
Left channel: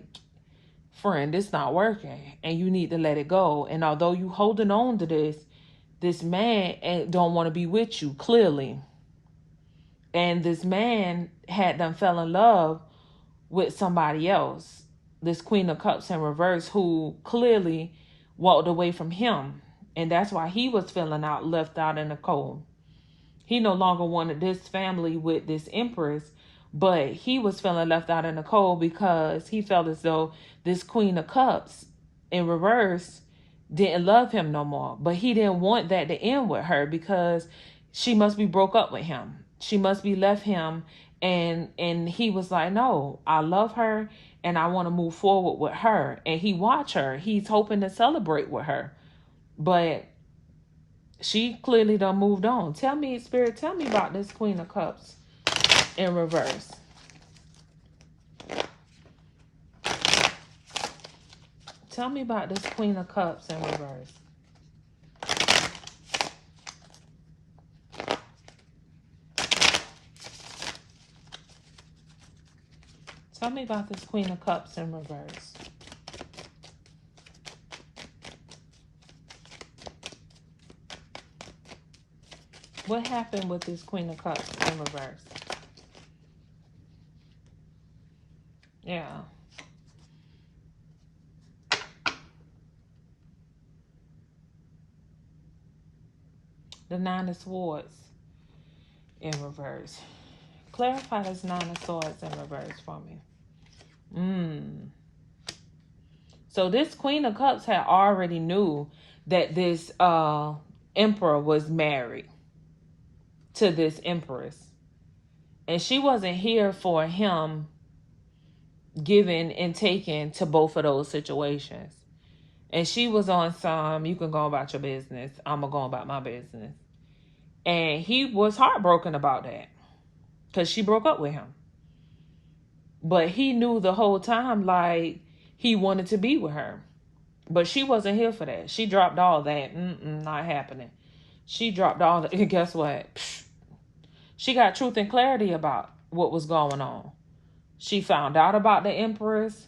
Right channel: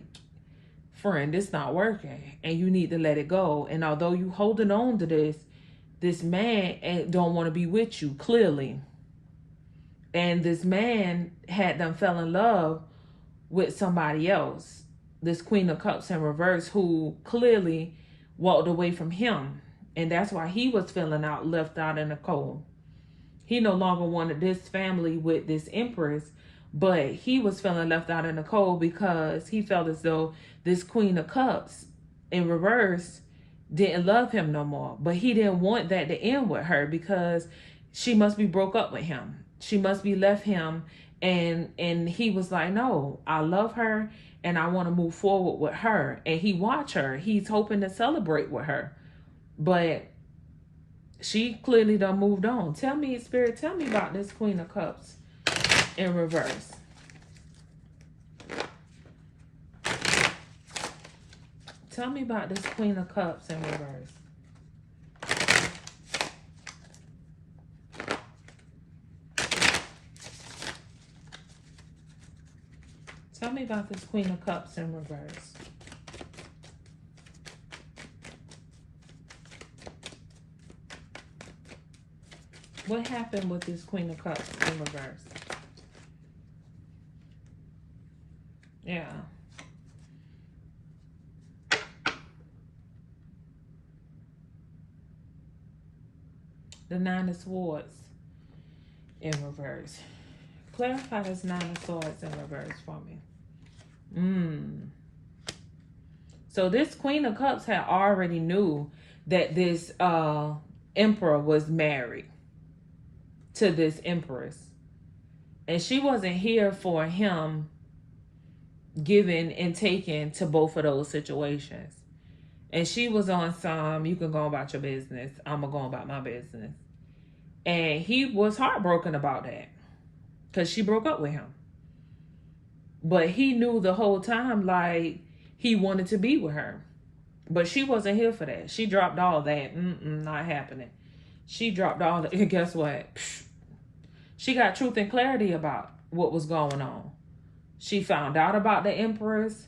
friend, it's not working and you need to let it go. And although you holding on to this man don't want to be with you, clearly. And this man had them fell in love with somebody else, this Queen of Cups in reverse, who clearly walked away from him. And that's why he was feeling left out in the cold. He no longer wanted this family with this empress, but he was feeling left out in the cold because he felt as though this Queen of Cups in reverse didn't love him no more. But he didn't want that to end with her because she must be broke up with him. She must be left him. And he was like, no, I love her and I want to move forward with her. And he watched her. He's hoping to celebrate with her. But she clearly done moved on. Tell me, Spirit, tell me about this Queen of Cups in reverse. Tell me about this Queen of Cups in reverse. Tell me about this Queen of Cups in reverse. What happened with this Queen of Cups in reverse? Yeah. The Nine of Swords in reverse. Clarify this Nine of Swords in reverse for me. So this Queen of Cups had already knew that this emperor was married to this empress. And she wasn't here for him giving and taking to both of those situations. And she was on some, you can go about your business, I'm going to go about my business. And he was heartbroken about that because she broke up with him. But he knew the whole time, like, he wanted to be with her. But she wasn't here for that. She dropped all that. Not happening. She dropped all that. And guess what? She got truth and clarity about what was going on. She found out about the empress.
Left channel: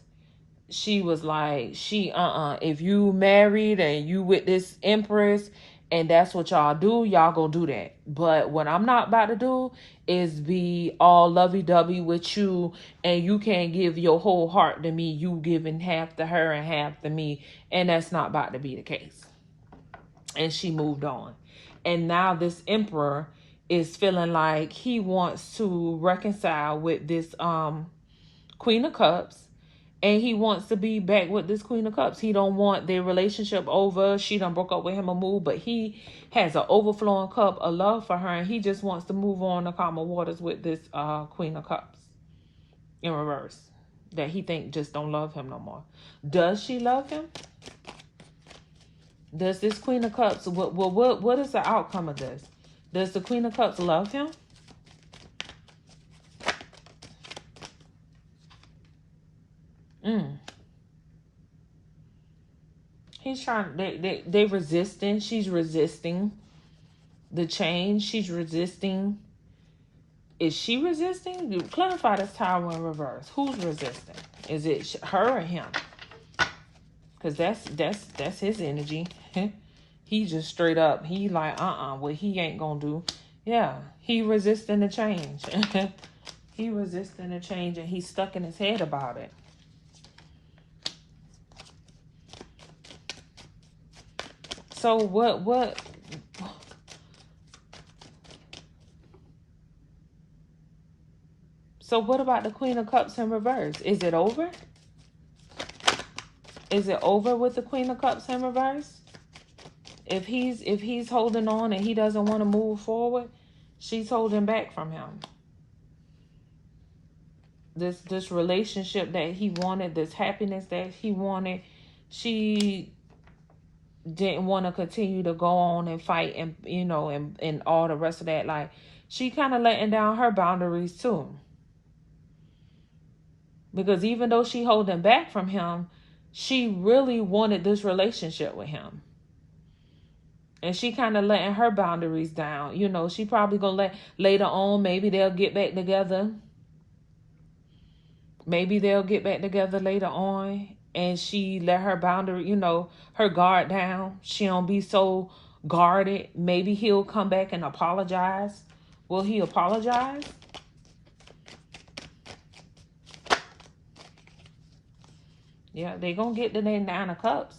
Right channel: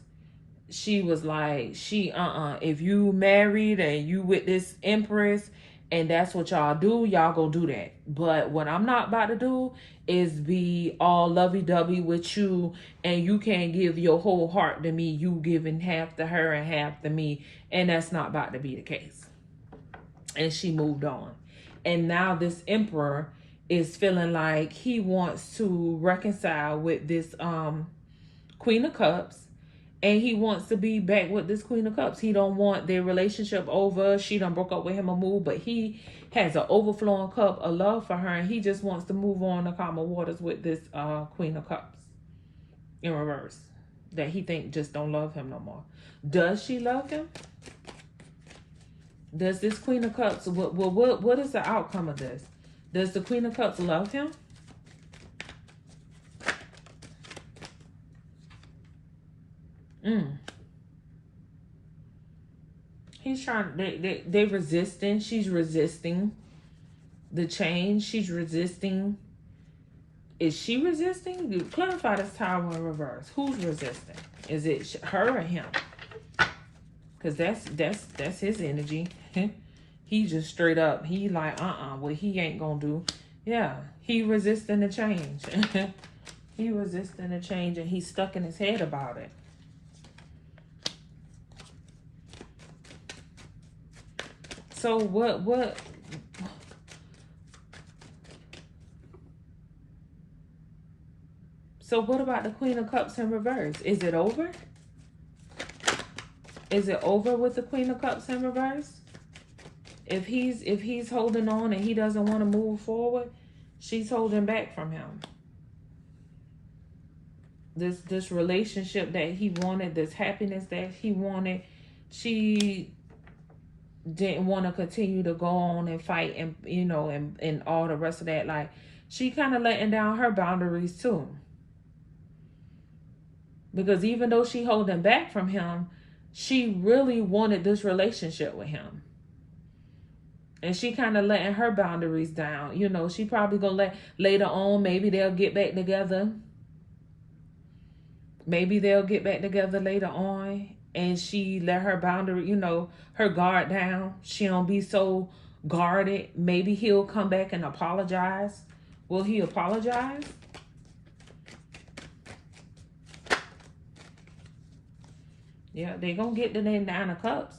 She was like, if you married and you with this empress and that's what y'all do, y'all go do that. But what I'm not about to do is be all lovey-dovey with you and you can't give your whole heart to me. You giving half to her and half to me. And that's not about to be the case. and she moved on. And now this emperor is feeling like he wants to reconcile with this Queen of Cups, and he wants to be back with this Queen of Cups. He don't want their relationship over. She done broke up with him or moved, but he has an overflowing cup of love for her, and he just wants to move on to calmer waters with this Queen of Cups in reverse, that he think just don't love him no more. Does she love him? Does this Queen of Cups, what is the outcome of this? Does the Queen of Cups love him? He's trying, they resisting. She's resisting the change. She's resisting. Is she resisting? You clarify this Tower in reverse. Who's resisting? Is it her or him? Because that's his energy. He just straight up, he like, what he ain't gonna do. Yeah, he resisting the change. He resisting the change, and he's stuck in his head about it. So what so what about the Queen of Cups in reverse? Is it over? Is it over with the Queen of Cups in reverse? If he's holding on and he doesn't want to move forward, she's holding back from him. This relationship that he wanted, this happiness that he wanted, she didn't want to continue to go on and fight, and and all the rest of that. Like, she kind of letting down her boundaries too, because even though she holding back from him, she really wanted this relationship with him, and she kind of letting her boundaries down. She probably gonna let later on, maybe they'll get back together. Maybe they'll get back together later on, and she let her boundary, her guard down. She don't be so guarded. Maybe he'll come back and apologize. Will he apologize? Yeah, they gonna get to their 9 of Cups.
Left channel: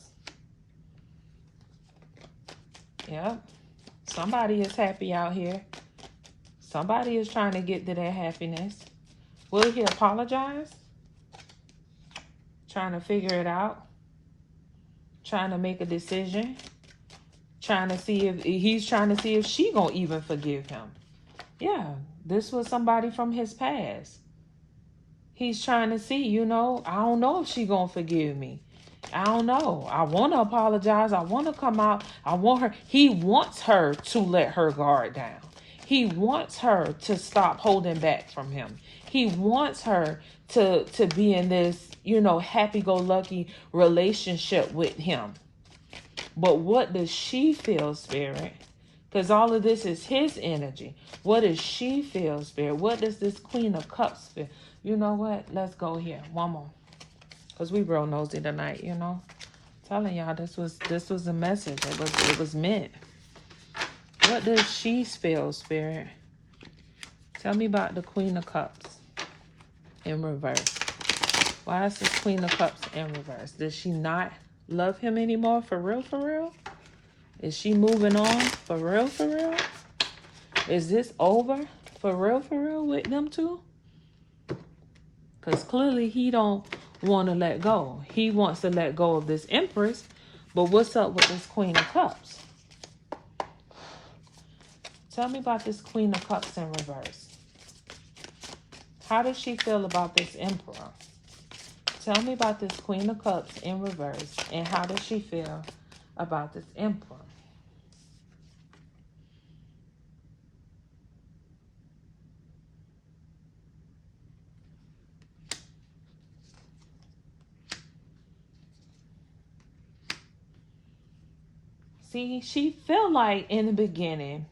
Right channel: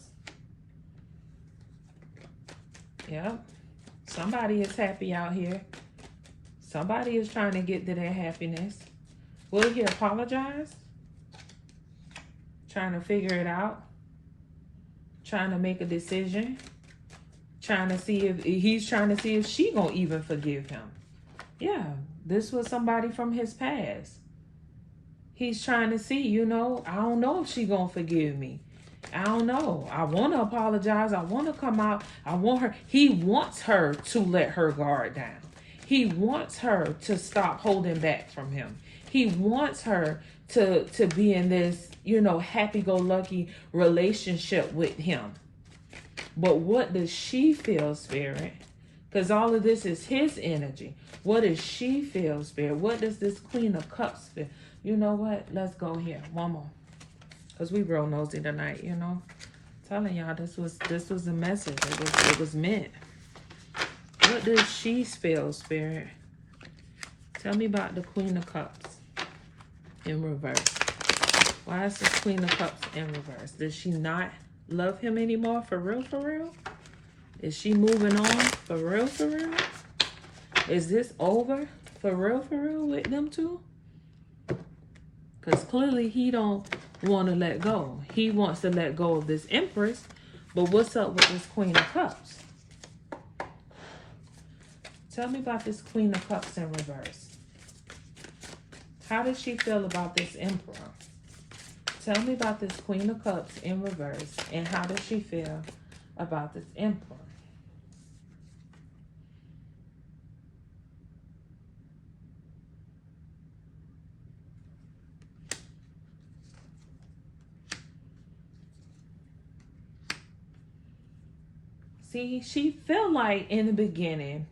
Yeah, somebody is happy out here. Somebody is trying to get to their happiness. Will he apologize? Trying to figure it out. Trying to make a decision. Trying to see if she gonna even forgive him. Yeah, this was somebody from his past. He's trying to see, I don't know if she gonna forgive me. I don't know. I want to apologize. I want to come out. He wants her to let her guard down. He wants her to stop holding back from him. He wants her to be in this, happy-go-lucky relationship with him. But what does she feel, Spirit? Because all of this is his energy. What does she feel, Spirit? What does this Queen of Cups feel? You know what? Let's go here. One more. Because we real nosy tonight, Telling y'all this was a message. It was meant. What does she feel, Spirit? Tell me about the Queen of Cups in reverse. Why is this Queen of Cups in reverse? Does she not love him anymore? For real, for real? Is she moving on? For real, for real? Is this over? For real, with them two? Because clearly he don't want to let go. He wants to let go of this Empress. But what's up with this Queen of Cups? Tell me about this Queen of Cups in reverse. How does she feel about this Emperor? Tell me about this Queen of Cups in reverse. And how does she feel about this Emperor? See, she felt like in the beginning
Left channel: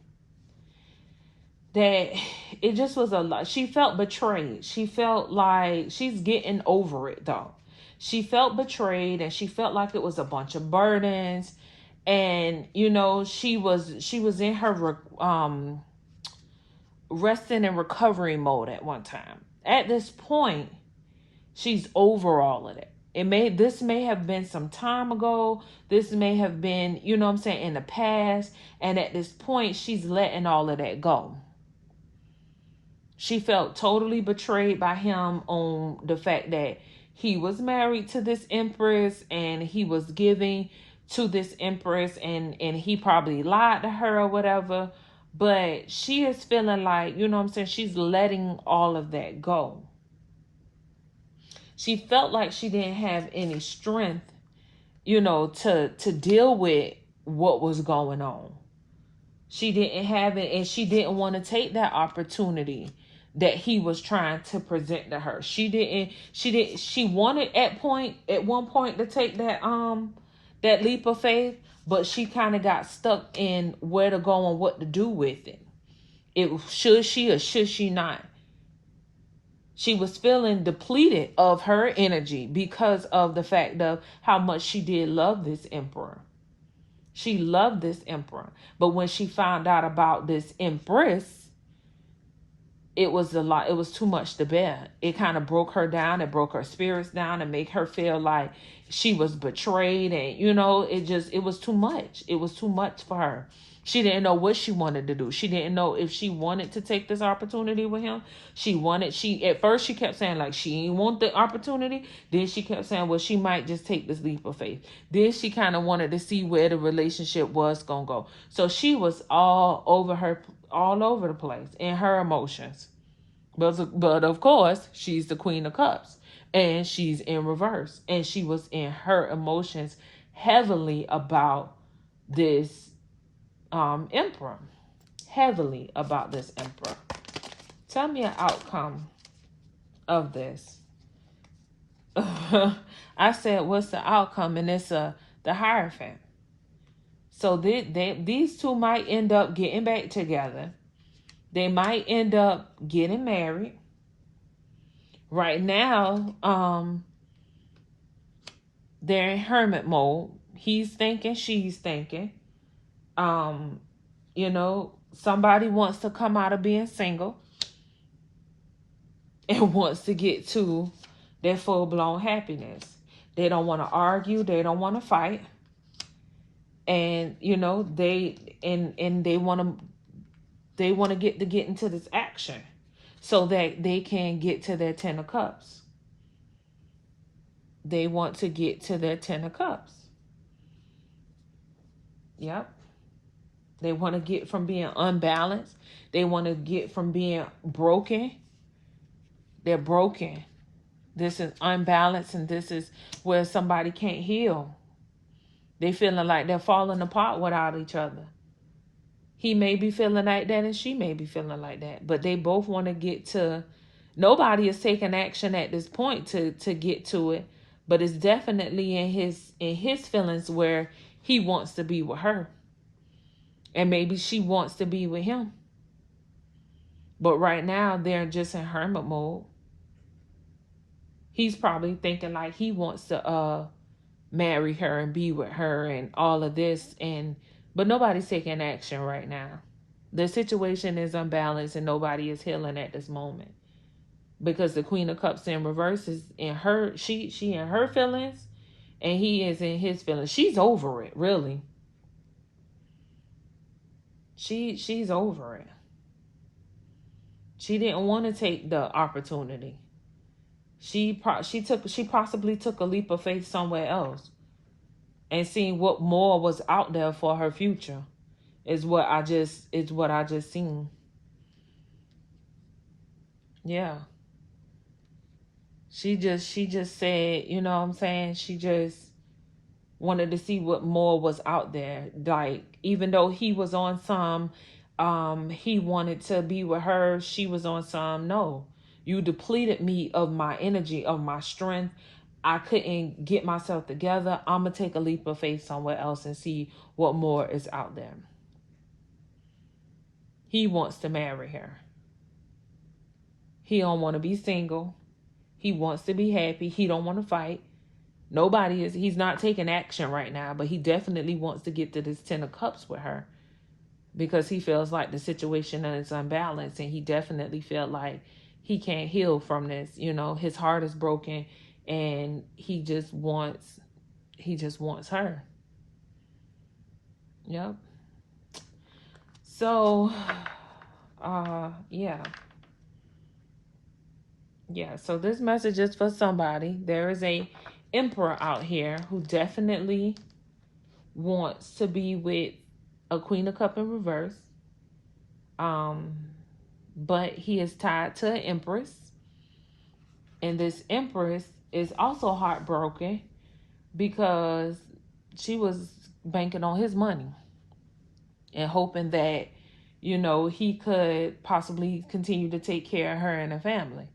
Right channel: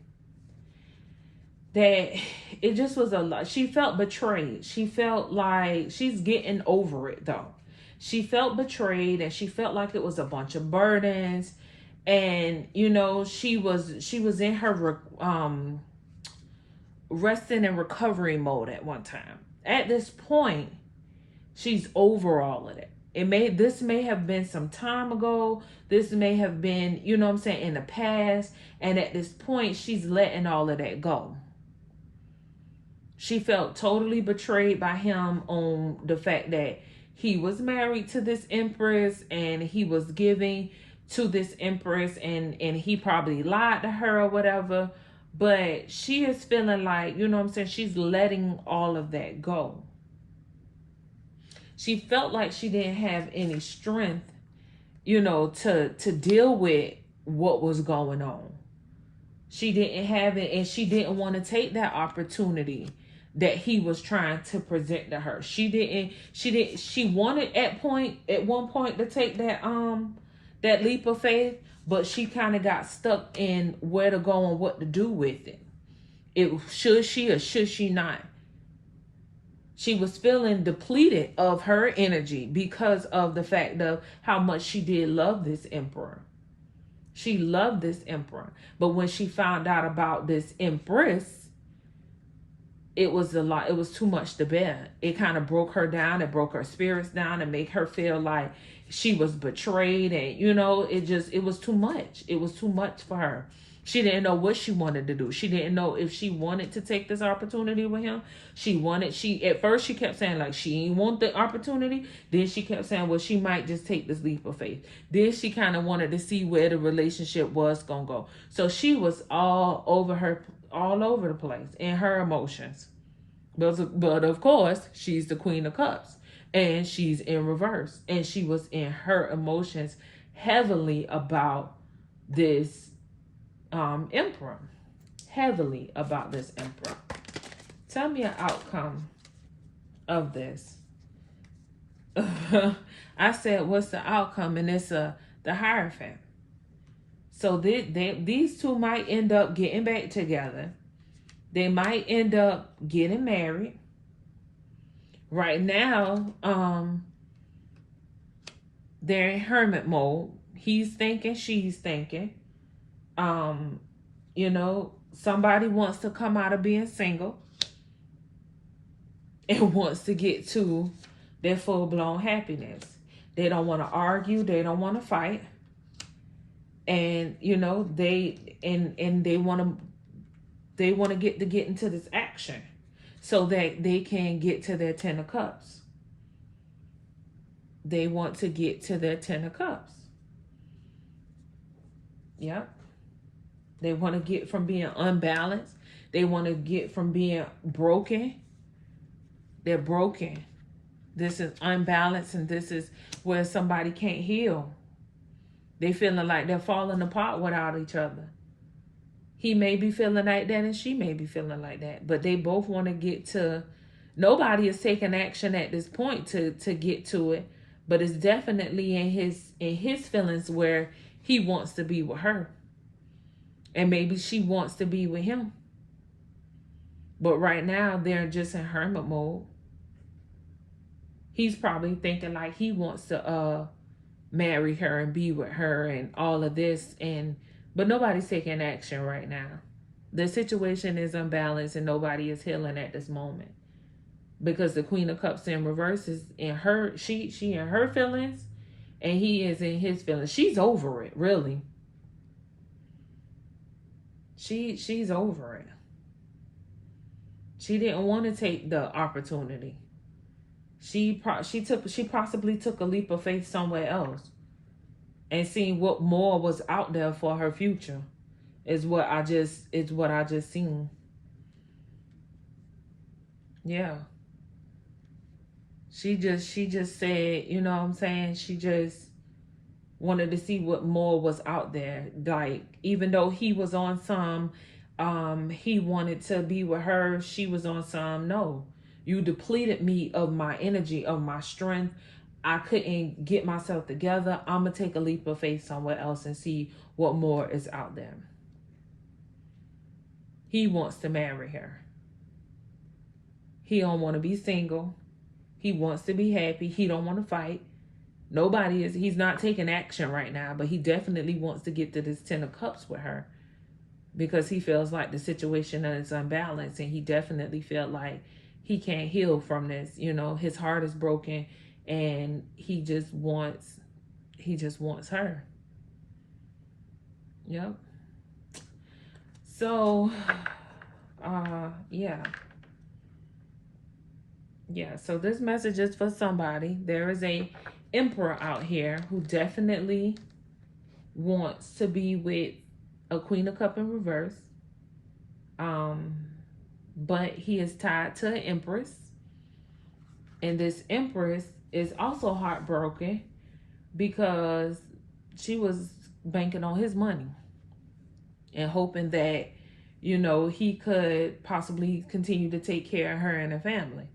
that it just was a lot. She felt betrayed. She felt like she's getting over it though. She felt betrayed, and she felt like it was a bunch of burdens. And she was in her resting and recovery mode at one time. At this point, she's over all of it. This may have been some time ago. This may have been, you know what I'm saying, in the past. And at this point, she's letting all of that go. She felt totally betrayed by him on the fact that he was married to this empress and he was giving to this empress, and he probably lied to her or whatever. But she is feeling like, you know what I'm saying, she's letting all of that go. She felt like she didn't have any strength, you know, to deal with what was going on. She didn't have it, and she didn't want to take that opportunity that he was trying to present to her. She wanted at one point to take that leap of faith, but she kind of got stuck in where to go and what to do with it. Should she or should she not? She was feeling depleted of her energy because of the fact of how much she did love this emperor. She loved this emperor. But when she found out about this empress, it was a lot. It was too much to bear. It kind of broke her down. It broke her spirits down and make her feel like she was betrayed. And, you know, it was too much. It was too much for her. She didn't know what she wanted to do. She didn't know if she wanted to take this opportunity with him. At first she kept saying like she didn't want the opportunity. Then she kept saying, well, she might just take this leap of faith. Then she kind of wanted to see where the relationship was going to go. So she was all over the place in her emotions. But of course, she's the Queen of Cups and she's in reverse. And she was in her emotions heavily about this emperor. Heavily about this emperor. Tell me an outcome of this. I said, what's the outcome? And it's the Hierophant. So these two might end up getting back together. They might end up getting married. Right now, they're in hermit mode. He's thinking, she's thinking. You know, somebody wants to come out of being single and wants to get to their full-blown happiness. They don't want to argue. They don't want to fight. And, you know, they want to get into this action so that they can get to their 10 of Cups. They want to get to their 10 of Cups. Yep. They want to get from being unbalanced. They want to get from being broken. They're broken. This is unbalanced, and this is where somebody can't heal. They feeling like they're falling apart without each other. He may be feeling like that and she may be feeling like that. But they both want to get to... Nobody is taking action at this point to get to it. But it's definitely in his feelings where he wants to be with her. And maybe she wants to be with him. But right now, they're just in hermit mode. He's probably thinking like he wants to marry her and be with her and all of this. But nobody's taking action right now. The situation is unbalanced and nobody is healing at this moment. Because the Queen of Cups in reverse is in her... She in her feelings and he is in his feelings. She's over it, really. She's over it. She didn't want to take the opportunity. She possibly took a leap of faith somewhere else and seeing what more was out there for her future is what I just seen. Yeah. She just said, you know what I'm saying? She just wanted to see what more was out there. Like, even though he was on some, he wanted to be with her, she was on some, no. You depleted me of my energy, of my strength. I couldn't get myself together. I'm going to take a leap of faith somewhere else and see what more is out there. He wants to marry her. He don't want to be single. He wants to be happy. He don't want to fight. He's not taking action right now, but he definitely wants to get to this 10 of Cups with her because he feels like the situation is unbalanced and he definitely felt like he can't heal from this. You know, his heart is broken and he just wants her. Yep. So yeah. Yeah, so this message is for somebody. There is a emperor out here who definitely wants to be with a Queen of Cup in reverse. Um, but he is tied to an empress, and this empress is also heartbroken because she was banking on his money and hoping that, he could possibly continue to take care of her and her family.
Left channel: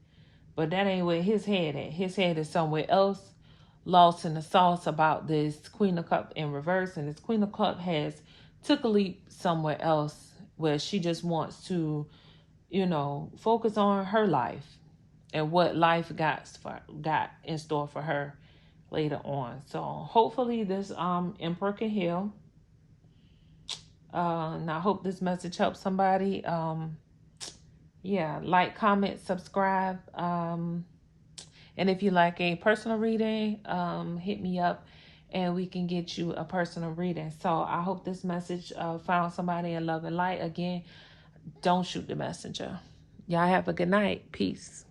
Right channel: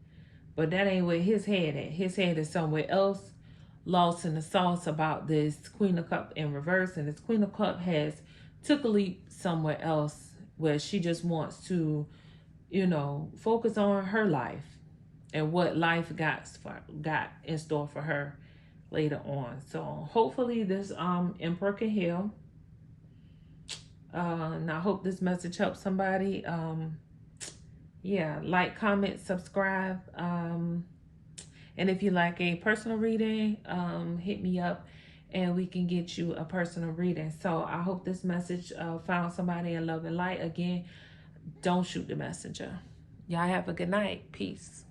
But that ain't where his head at. His head is somewhere else, lost in the sauce about this Queen of Cup in reverse. And this Queen of Cup has took a leap somewhere else where she just wants to, focus on her life and what life got in store for her later on. So hopefully this emperor can heal. And I hope this message helps somebody. Yeah, like, comment, subscribe. And if you like a personal reading, hit me up and we can get you a personal reading. So I hope this message found somebody in love and light. Again, don't shoot the messenger. Y'all have a good night. Peace.